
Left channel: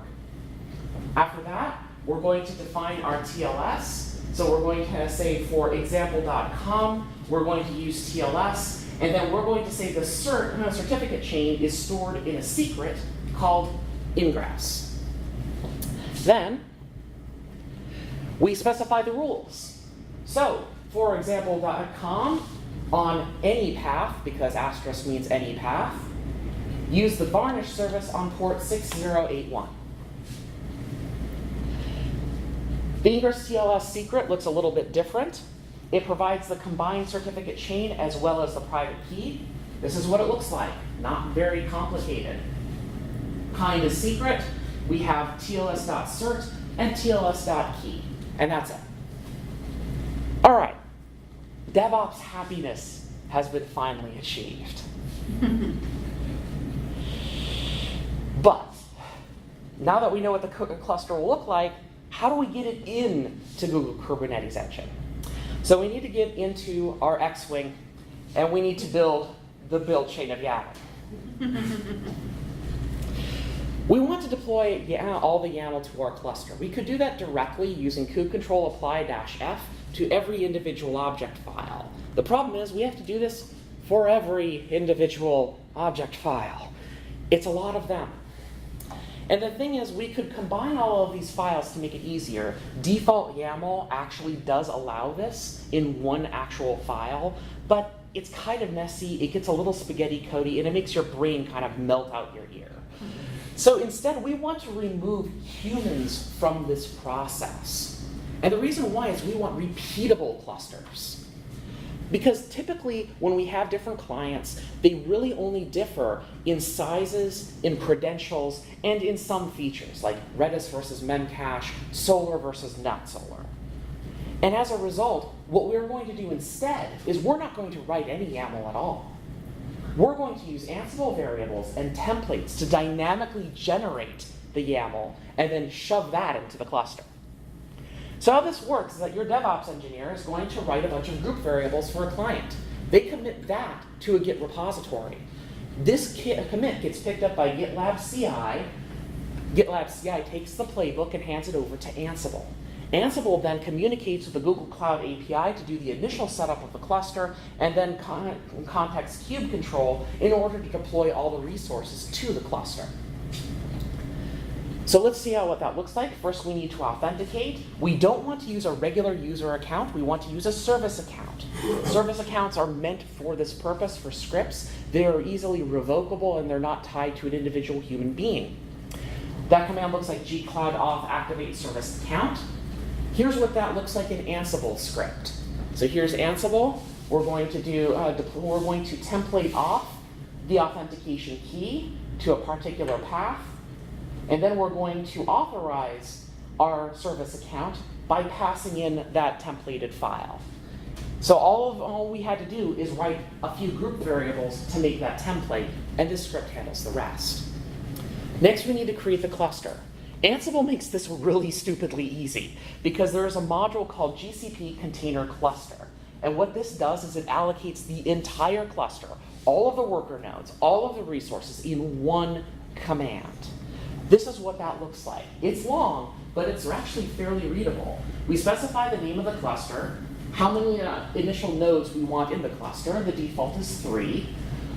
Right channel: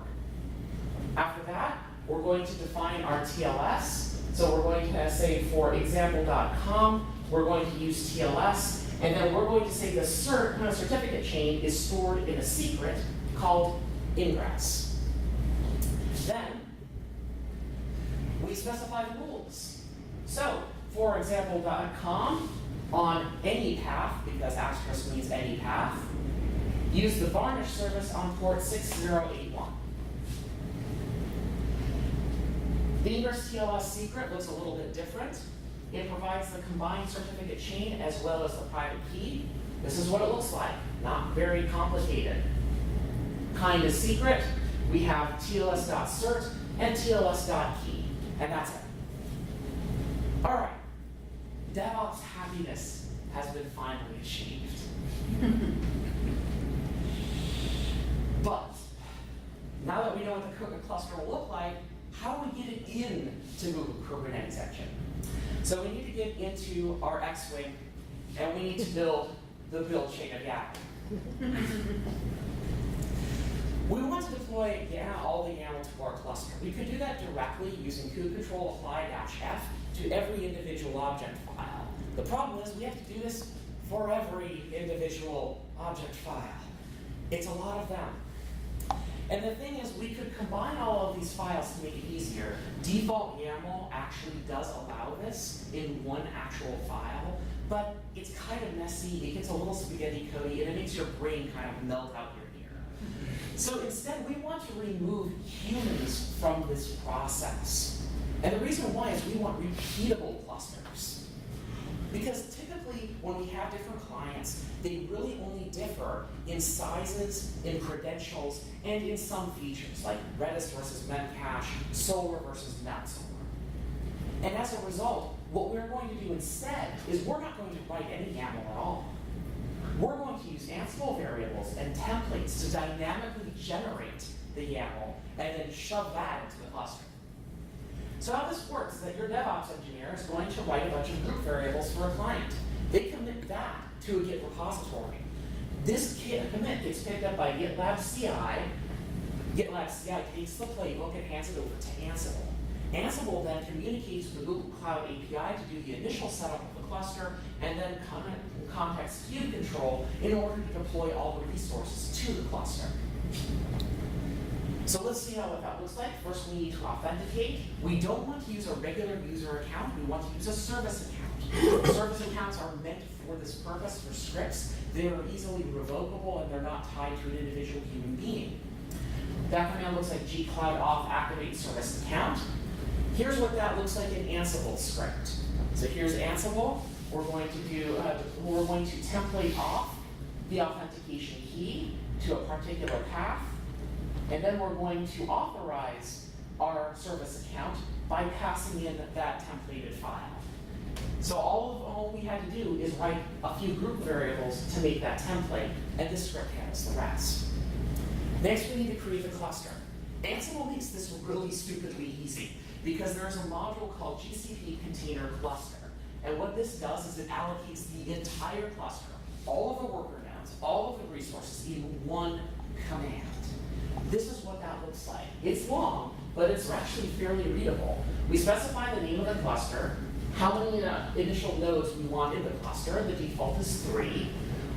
After that, we're going to define our TLS. So we're going to say for example.com, we're going to use TLS, and then we're going to say the certificate chain is stored in a secret called ingress. Then, we specify the rules. So, for example.com, on any path, because asterisk means any path, use the Varnish service on port 6081. The Ingress TLS secret looks a little bit different. It provides the combined certificate chain as well as the private key. This is what it looks like, not very complicated. Kind of secret, we have TLS.cert and TLS.key, and that's it. All right, DevOps happiness has been finally achieved. But now that we know what the cluster will look like, how do we get it into Google Kubernetes Engine? So we need to get into our X-Wing, and we need to build the build chain of YAML. We want to deploy all the YAML to our cluster. We could do that directly using kubectl apply-f to every individual object file. The problem is we have to do this for every individual object file. It's a lot of them. And the thing is, we could combine all of these files to make it easier. Default YAML actually does allow this in one actual file, but it's kind of messy, it gets a little spaghetti cody, and it makes your brain kind of melt out your ear. So instead, we want to remove humans from this process. And the reason why is we want repeatable clusters. Because typically, when we have different clients, they really only differ in sizes, in credentials, and in some features, like Redis versus Memcache, Solar versus not Solar. And as a result, what we're going to do instead is we're not going to write any YAML at all. We're going to use Ansible variables and templates to dynamically generate the YAML and then shove that into the cluster. So how this works is that your DevOps engineer is going to write a bunch of group variables for a client. They commit that to a Git repository. This commit gets picked up by GitLab CI. GitLab CI takes the playbook and hands it over to Ansible. Ansible then communicates with the Google Cloud API to do the initial setup of the cluster and then contacts kubecontrol in order to deploy all the resources to the cluster. So let's see what that looks like. First, we need to authenticate. We don't want to use a regular user account. We want to use a service account. Service accounts are meant for this purpose, for scripts. They are easily revocable and they're not tied to an individual human being. That command looks like gcloud-auth activate service account. Here's what that looks like in Ansible script. So here's Ansible. We're going to template off the authentication key to a particular path. And then we're going to authorize our service account by passing in that templated file. So all we had to do is write a few group variables to make that template, and this script handles the rest. Next, we need to create the cluster. Ansible makes this really stupidly easy because there is a module called GCP Container Cluster. And what this does is it allocates the entire cluster, all of the worker nodes, all of the resources in one command. This is what that looks like. It's long, but it's actually fairly readable. We specify the name of the cluster, how many initial nodes we want in the cluster. The default is 3.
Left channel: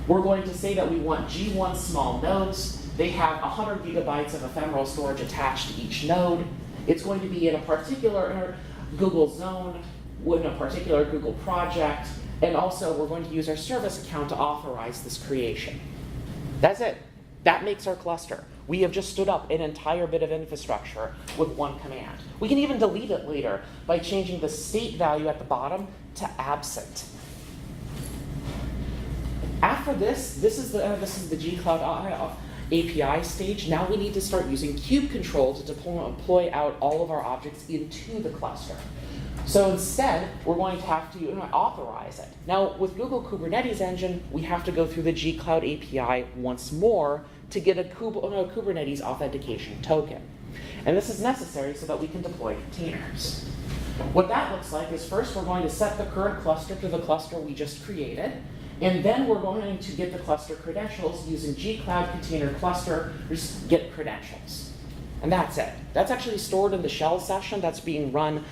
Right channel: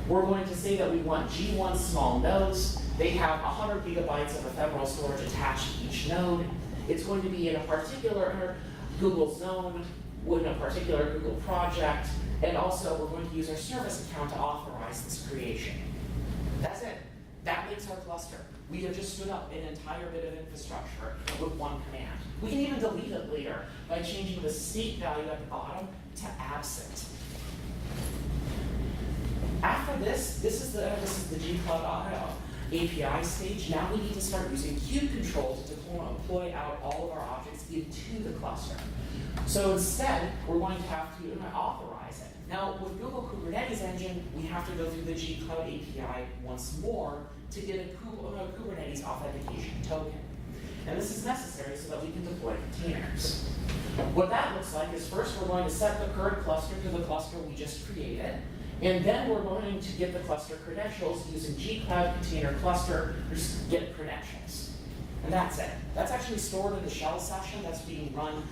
We're going to say that we want G1 small nodes. They have 100 gigabytes of ephemeral storage attached to each node. It's going to be in a particular Google zone, in a particular Google project, and also we're going to use our service account to authorize this creation. That's it. That makes our cluster. We have just stood up an entire bit of infrastructure with one command. We can even delete it later by changing the state value at the bottom to absent. After this is the gcloud API stage. Now we need to start using kubecontrol to deploy out all of our objects into the cluster. So instead, we're going to have to authorize it. Now, with Google Kubernetes Engine, we have to go through the gcloud API once more to get a Kubernetes authentication token. And this is necessary so that we can deploy containers. What that looks like is first we're going to set the current cluster to the cluster we just created, and then we're going to get the cluster credentials using gcloud container cluster get credentials. And that's it. That's actually stored in the shell session that's being run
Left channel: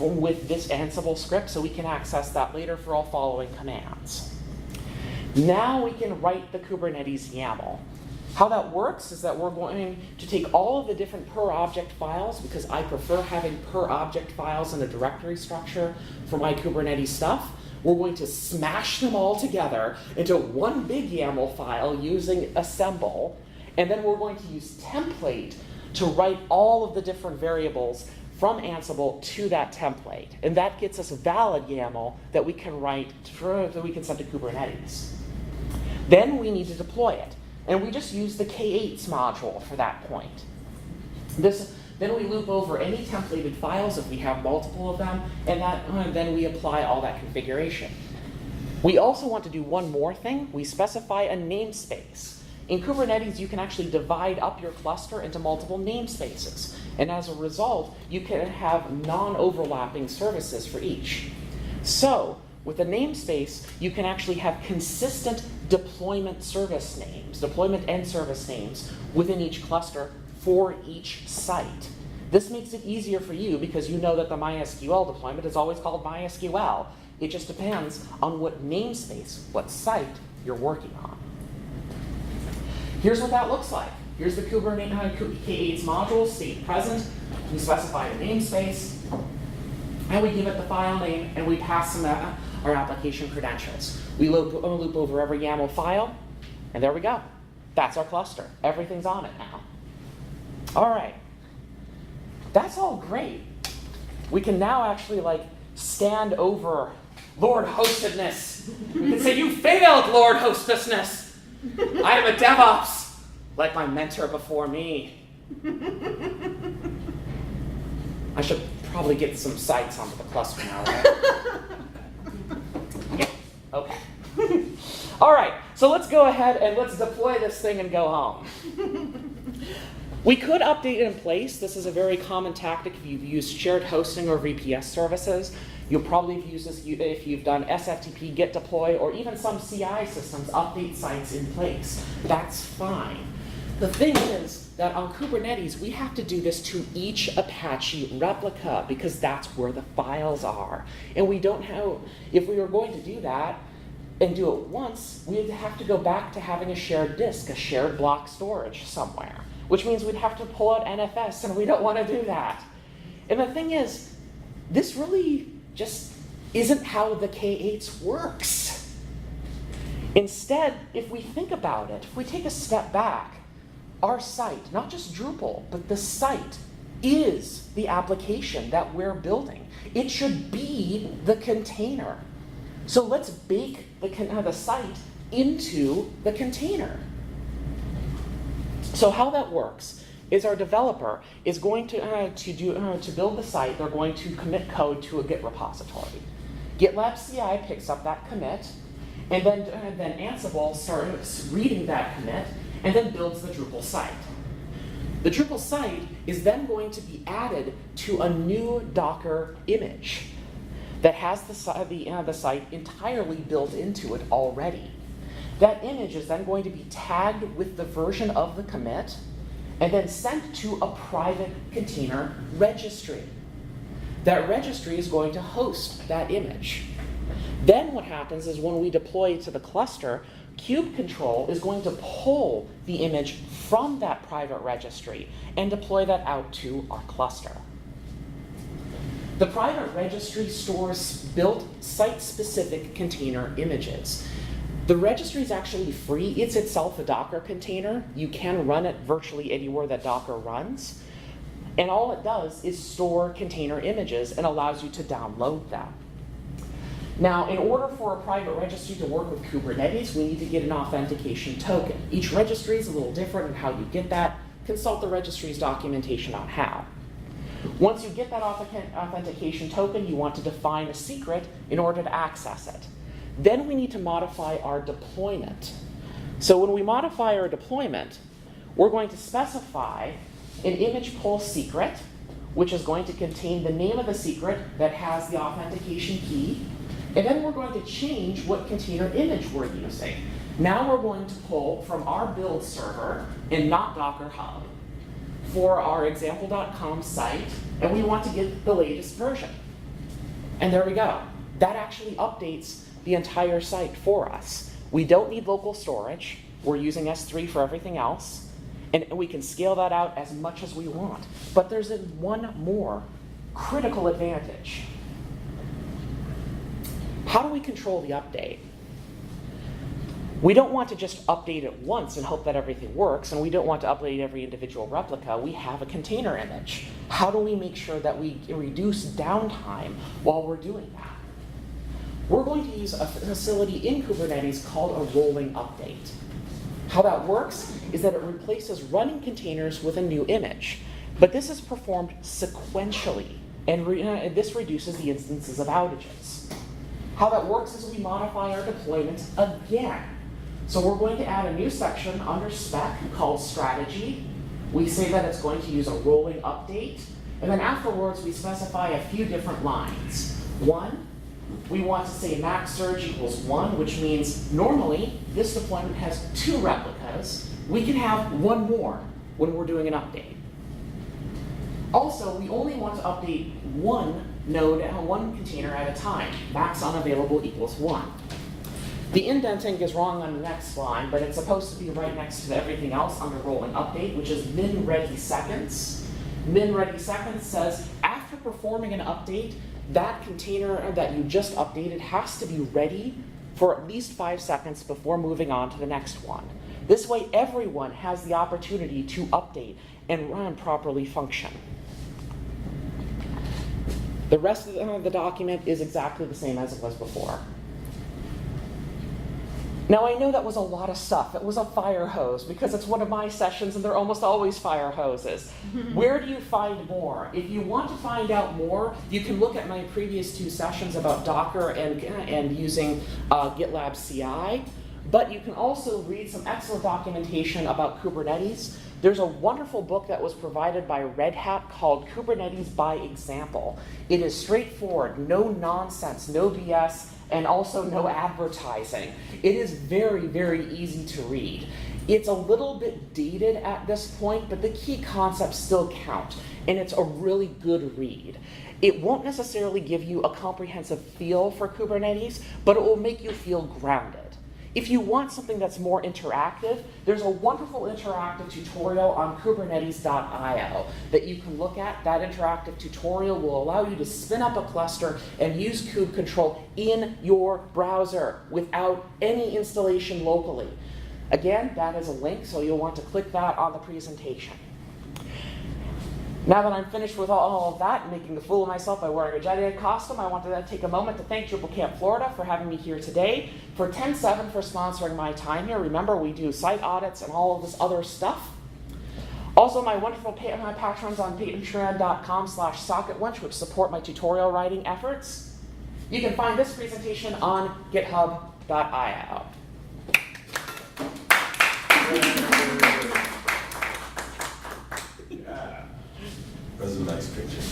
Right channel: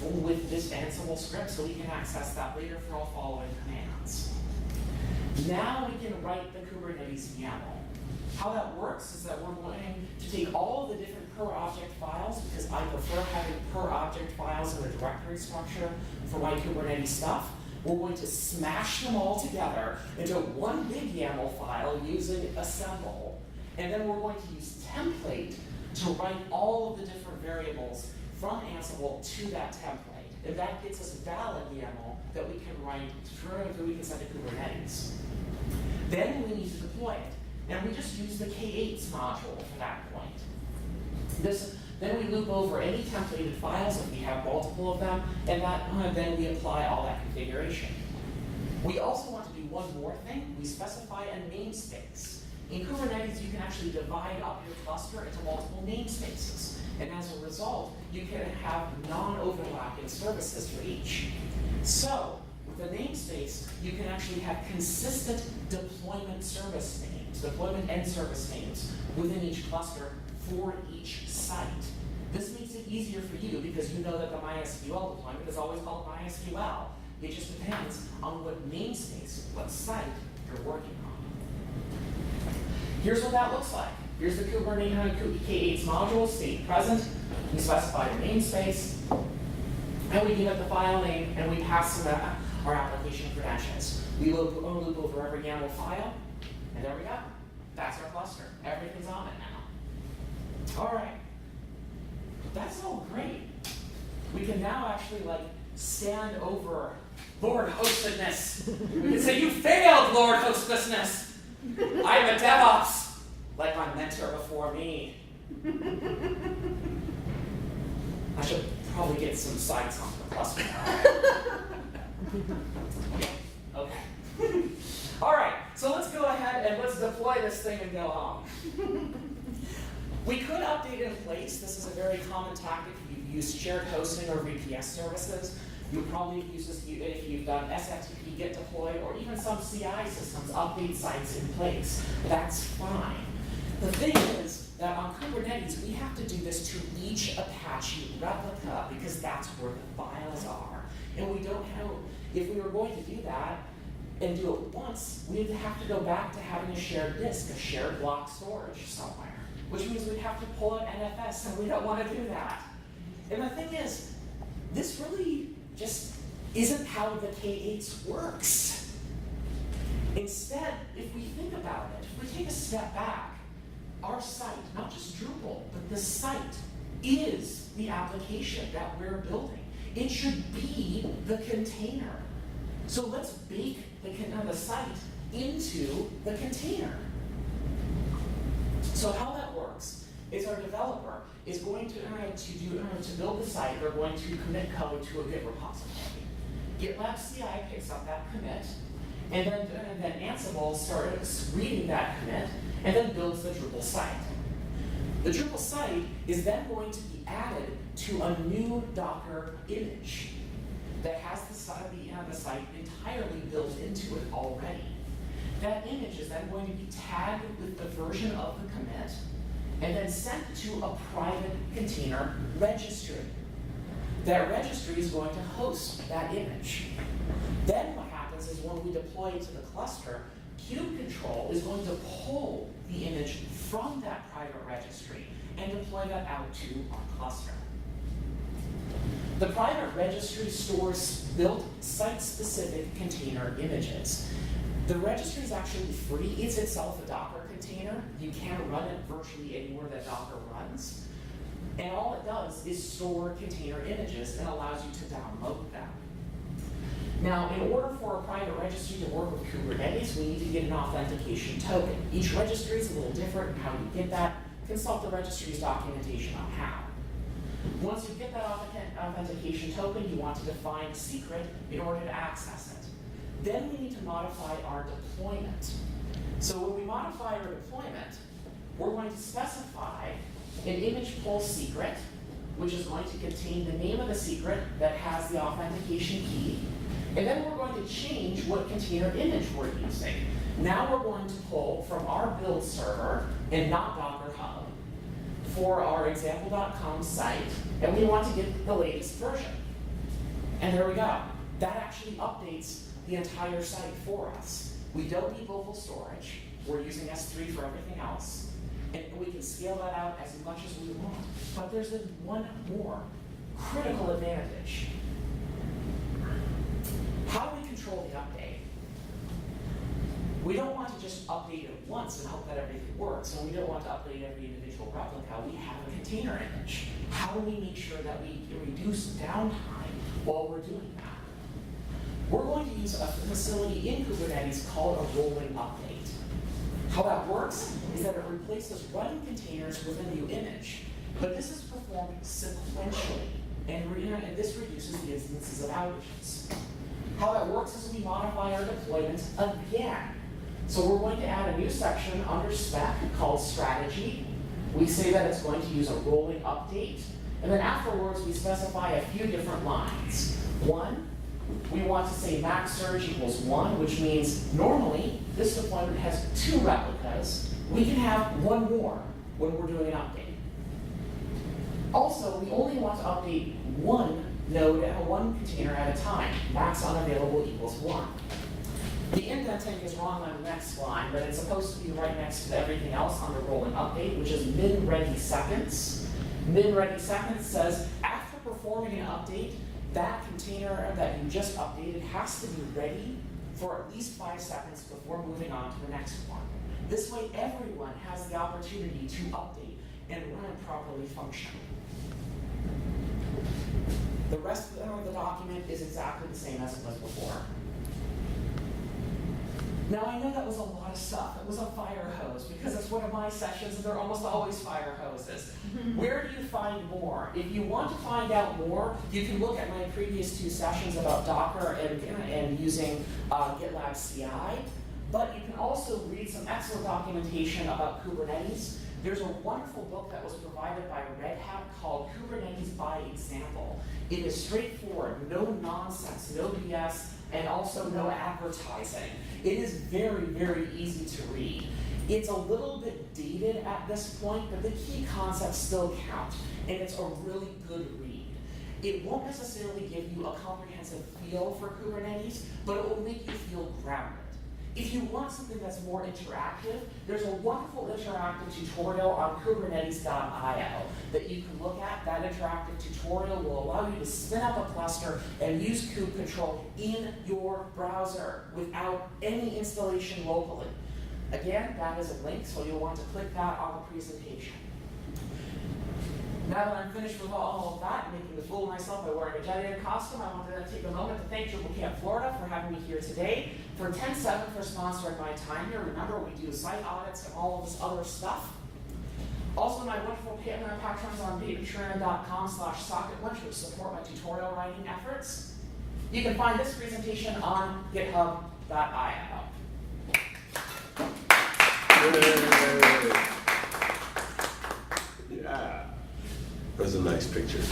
with this Ansible script, so we can access that later for all following commands. Now we can write the Kubernetes YAML. How that works is that we're going to take all of the different per object files, because I prefer having per object files in a directory structure for my Kubernetes stuff. We're going to smash them all together into one big YAML file using assemble, and then we're going to use template to write all of the different variables from Ansible to that template. And that gets us a valid YAML that we can write that we can send to Kubernetes. Then we need to deploy it. And we just use the K8s module for that point. Then we loop over any templated files if we have multiple of them, and then we apply all that configuration. We also want to do one more thing. We specify a namespace. In Kubernetes, you can actually divide up your cluster into multiple namespaces. And as a result, you can have non-overlapping services for each. So with a namespace, you can actually have consistent deployment service names, deployment and service names within each cluster for each site. This makes it easier for you because you know that the MySQL deployment is always called MySQL. It just depends on what namespace, what site you're working on. Here's what that looks like. Here's the Kubernetes K8s module, state present. We specify a namespace, and we give it the file name, and we pass them our application credentials. We loop over every YAML file, and there we go. That's our cluster. Everything's on it now. All right. That's all great. We can now actually stand over Lord Hostedness. We can say, you failed, Lord Hostedness. I am a DevOps, like my mentor before me. I should probably get some sites onto the cluster now. Yeah, okay. All right, so let's go ahead and let's deploy this thing and go home. We could update it in place. This is a very common tactic if you've used shared hosting or VPS services. You'll probably use this if you've done SFTP, git deploy, or even some CI systems, update sites in place. That's fine. The thing is that on Kubernetes, we have to do this to each Apache replica because that's where the files are. And we don't have, if we were going to do that and do it once, we'd have to go back to having a shared disk, a shared block storage somewhere, which means we'd have to pull out NFS, and we don't want to do that. And the thing is, this really just isn't how the K8s works. Instead, if we think about it, if we take a step back, our site, not just Drupal, but the site is the application that we're building. It should be the container. So let's bake the site into the container. So how that works is our developer is going to build the site. They're going to commit code to a Git repository. GitLab CI picks up that commit, and then Ansible starts reading that commit, and then builds the Drupal site. The Drupal site is then going to be added to a new Docker image that has the site entirely built into it already. That image is then going to be tagged with the version of the commit and then sent to a private container registry. That registry is going to host that image. Then what happens is when we deploy it to the cluster, kubecontrol is going to pull the image from that private registry and deploy that out to our cluster. The private registry stores built site-specific container images. The registry is actually free. It's itself a Docker container. You can run it virtually anywhere that Docker runs. And all it does is store container images and allows you to download them. Now, in order for a private registry to work with Kubernetes, we need to get an authentication token. Each registry is a little different in how you get that. Consult the registry's documentation on how. Once you get that authentication token, you want to define a secret in order to access it. Then we need to modify our deployment. So when we modify our deployment, we're going to specify an image pull secret, which is going to contain the name of the secret that has the authentication key. And then we're going to change what container image we're using. Now we're going to pull from our build server and not Docker Hub for our example.com site, and we want to get the latest version. And there we go. That actually updates the entire site for us. We don't need local storage. We're using S3 for everything else, and we can scale that out as much as we want. But there's one more critical advantage. How do we control the update? We don't want to just update it once and hope that everything works, and we don't want to update every individual replica. We have a container image. How do we make sure that we reduce downtime while we're doing that? We're going to use a facility in Kubernetes called a rolling update. How that works is that it replaces running containers with a new image, but this is performed sequentially, and this reduces the instances of outages. How that works is we modify our deployment again. So we're going to add a new section under spec called strategy. We say that it's going to use a rolling update, and then afterwards we specify a few different lines. One, we want to say max surge equals 1, which means normally this deployment has 2 replicas. We can have 1 more when we're doing an update. Also, we only want to update 1 node and 1 container at a time. Max unavailable equals 1. The indenting is wrong on the next line, but it's supposed to be right next to everything else on the rolling update, which is min ready seconds. Min ready seconds says after performing an update, that container that you just updated has to be ready for at least 5 seconds before moving on to the next one. This way, everyone has the opportunity to update and run properly function. The rest of the document is exactly the same as it was before. Now I know that was a lot of stuff. It was a fire hose because it's one of my sessions and they're almost always fire hoses. Where do you find more? If you want to find out more, you can look at my previous 2 sessions about Docker and using GitLab CI. But you can also read some excellent documentation about Kubernetes. There's a wonderful book that was provided by Red Hat called Kubernetes by Example. It is straightforward, no nonsense, no BS, and also no advertising. It is very, very easy to read. It's a little bit dated at this point, but the key concepts still count, and it's a really good read. It won't necessarily give you a comprehensive feel for Kubernetes, but it will make you feel grounded. If you want something that's more interactive, there's a wonderful interactive tutorial on kubernetes.io that you can look at. That interactive tutorial will allow you to spin up a cluster and use kubectl in your browser without any installation locally. Again, that is a link, so you'll want to click that on the presentation. Now that I'm finished with all of that, making a fool of myself by wearing a giant costume, I wanted to take a moment to thank Drupalcamp Florida for having me here today, for 10/7 for sponsoring my time here. Remember, we do site audits and all of this other stuff. Also, my wonderful my patrons on patreon.com/socketwench, which support my tutorial writing efforts. You can find this presentation on github.io. Yeah. Those are nice pictures.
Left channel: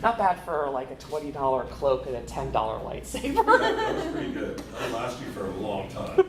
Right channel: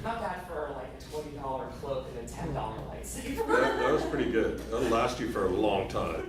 Not bad for like a $20 cloak and a $10 lightsaber. Yeah, that was pretty good. That'll last you for a long time.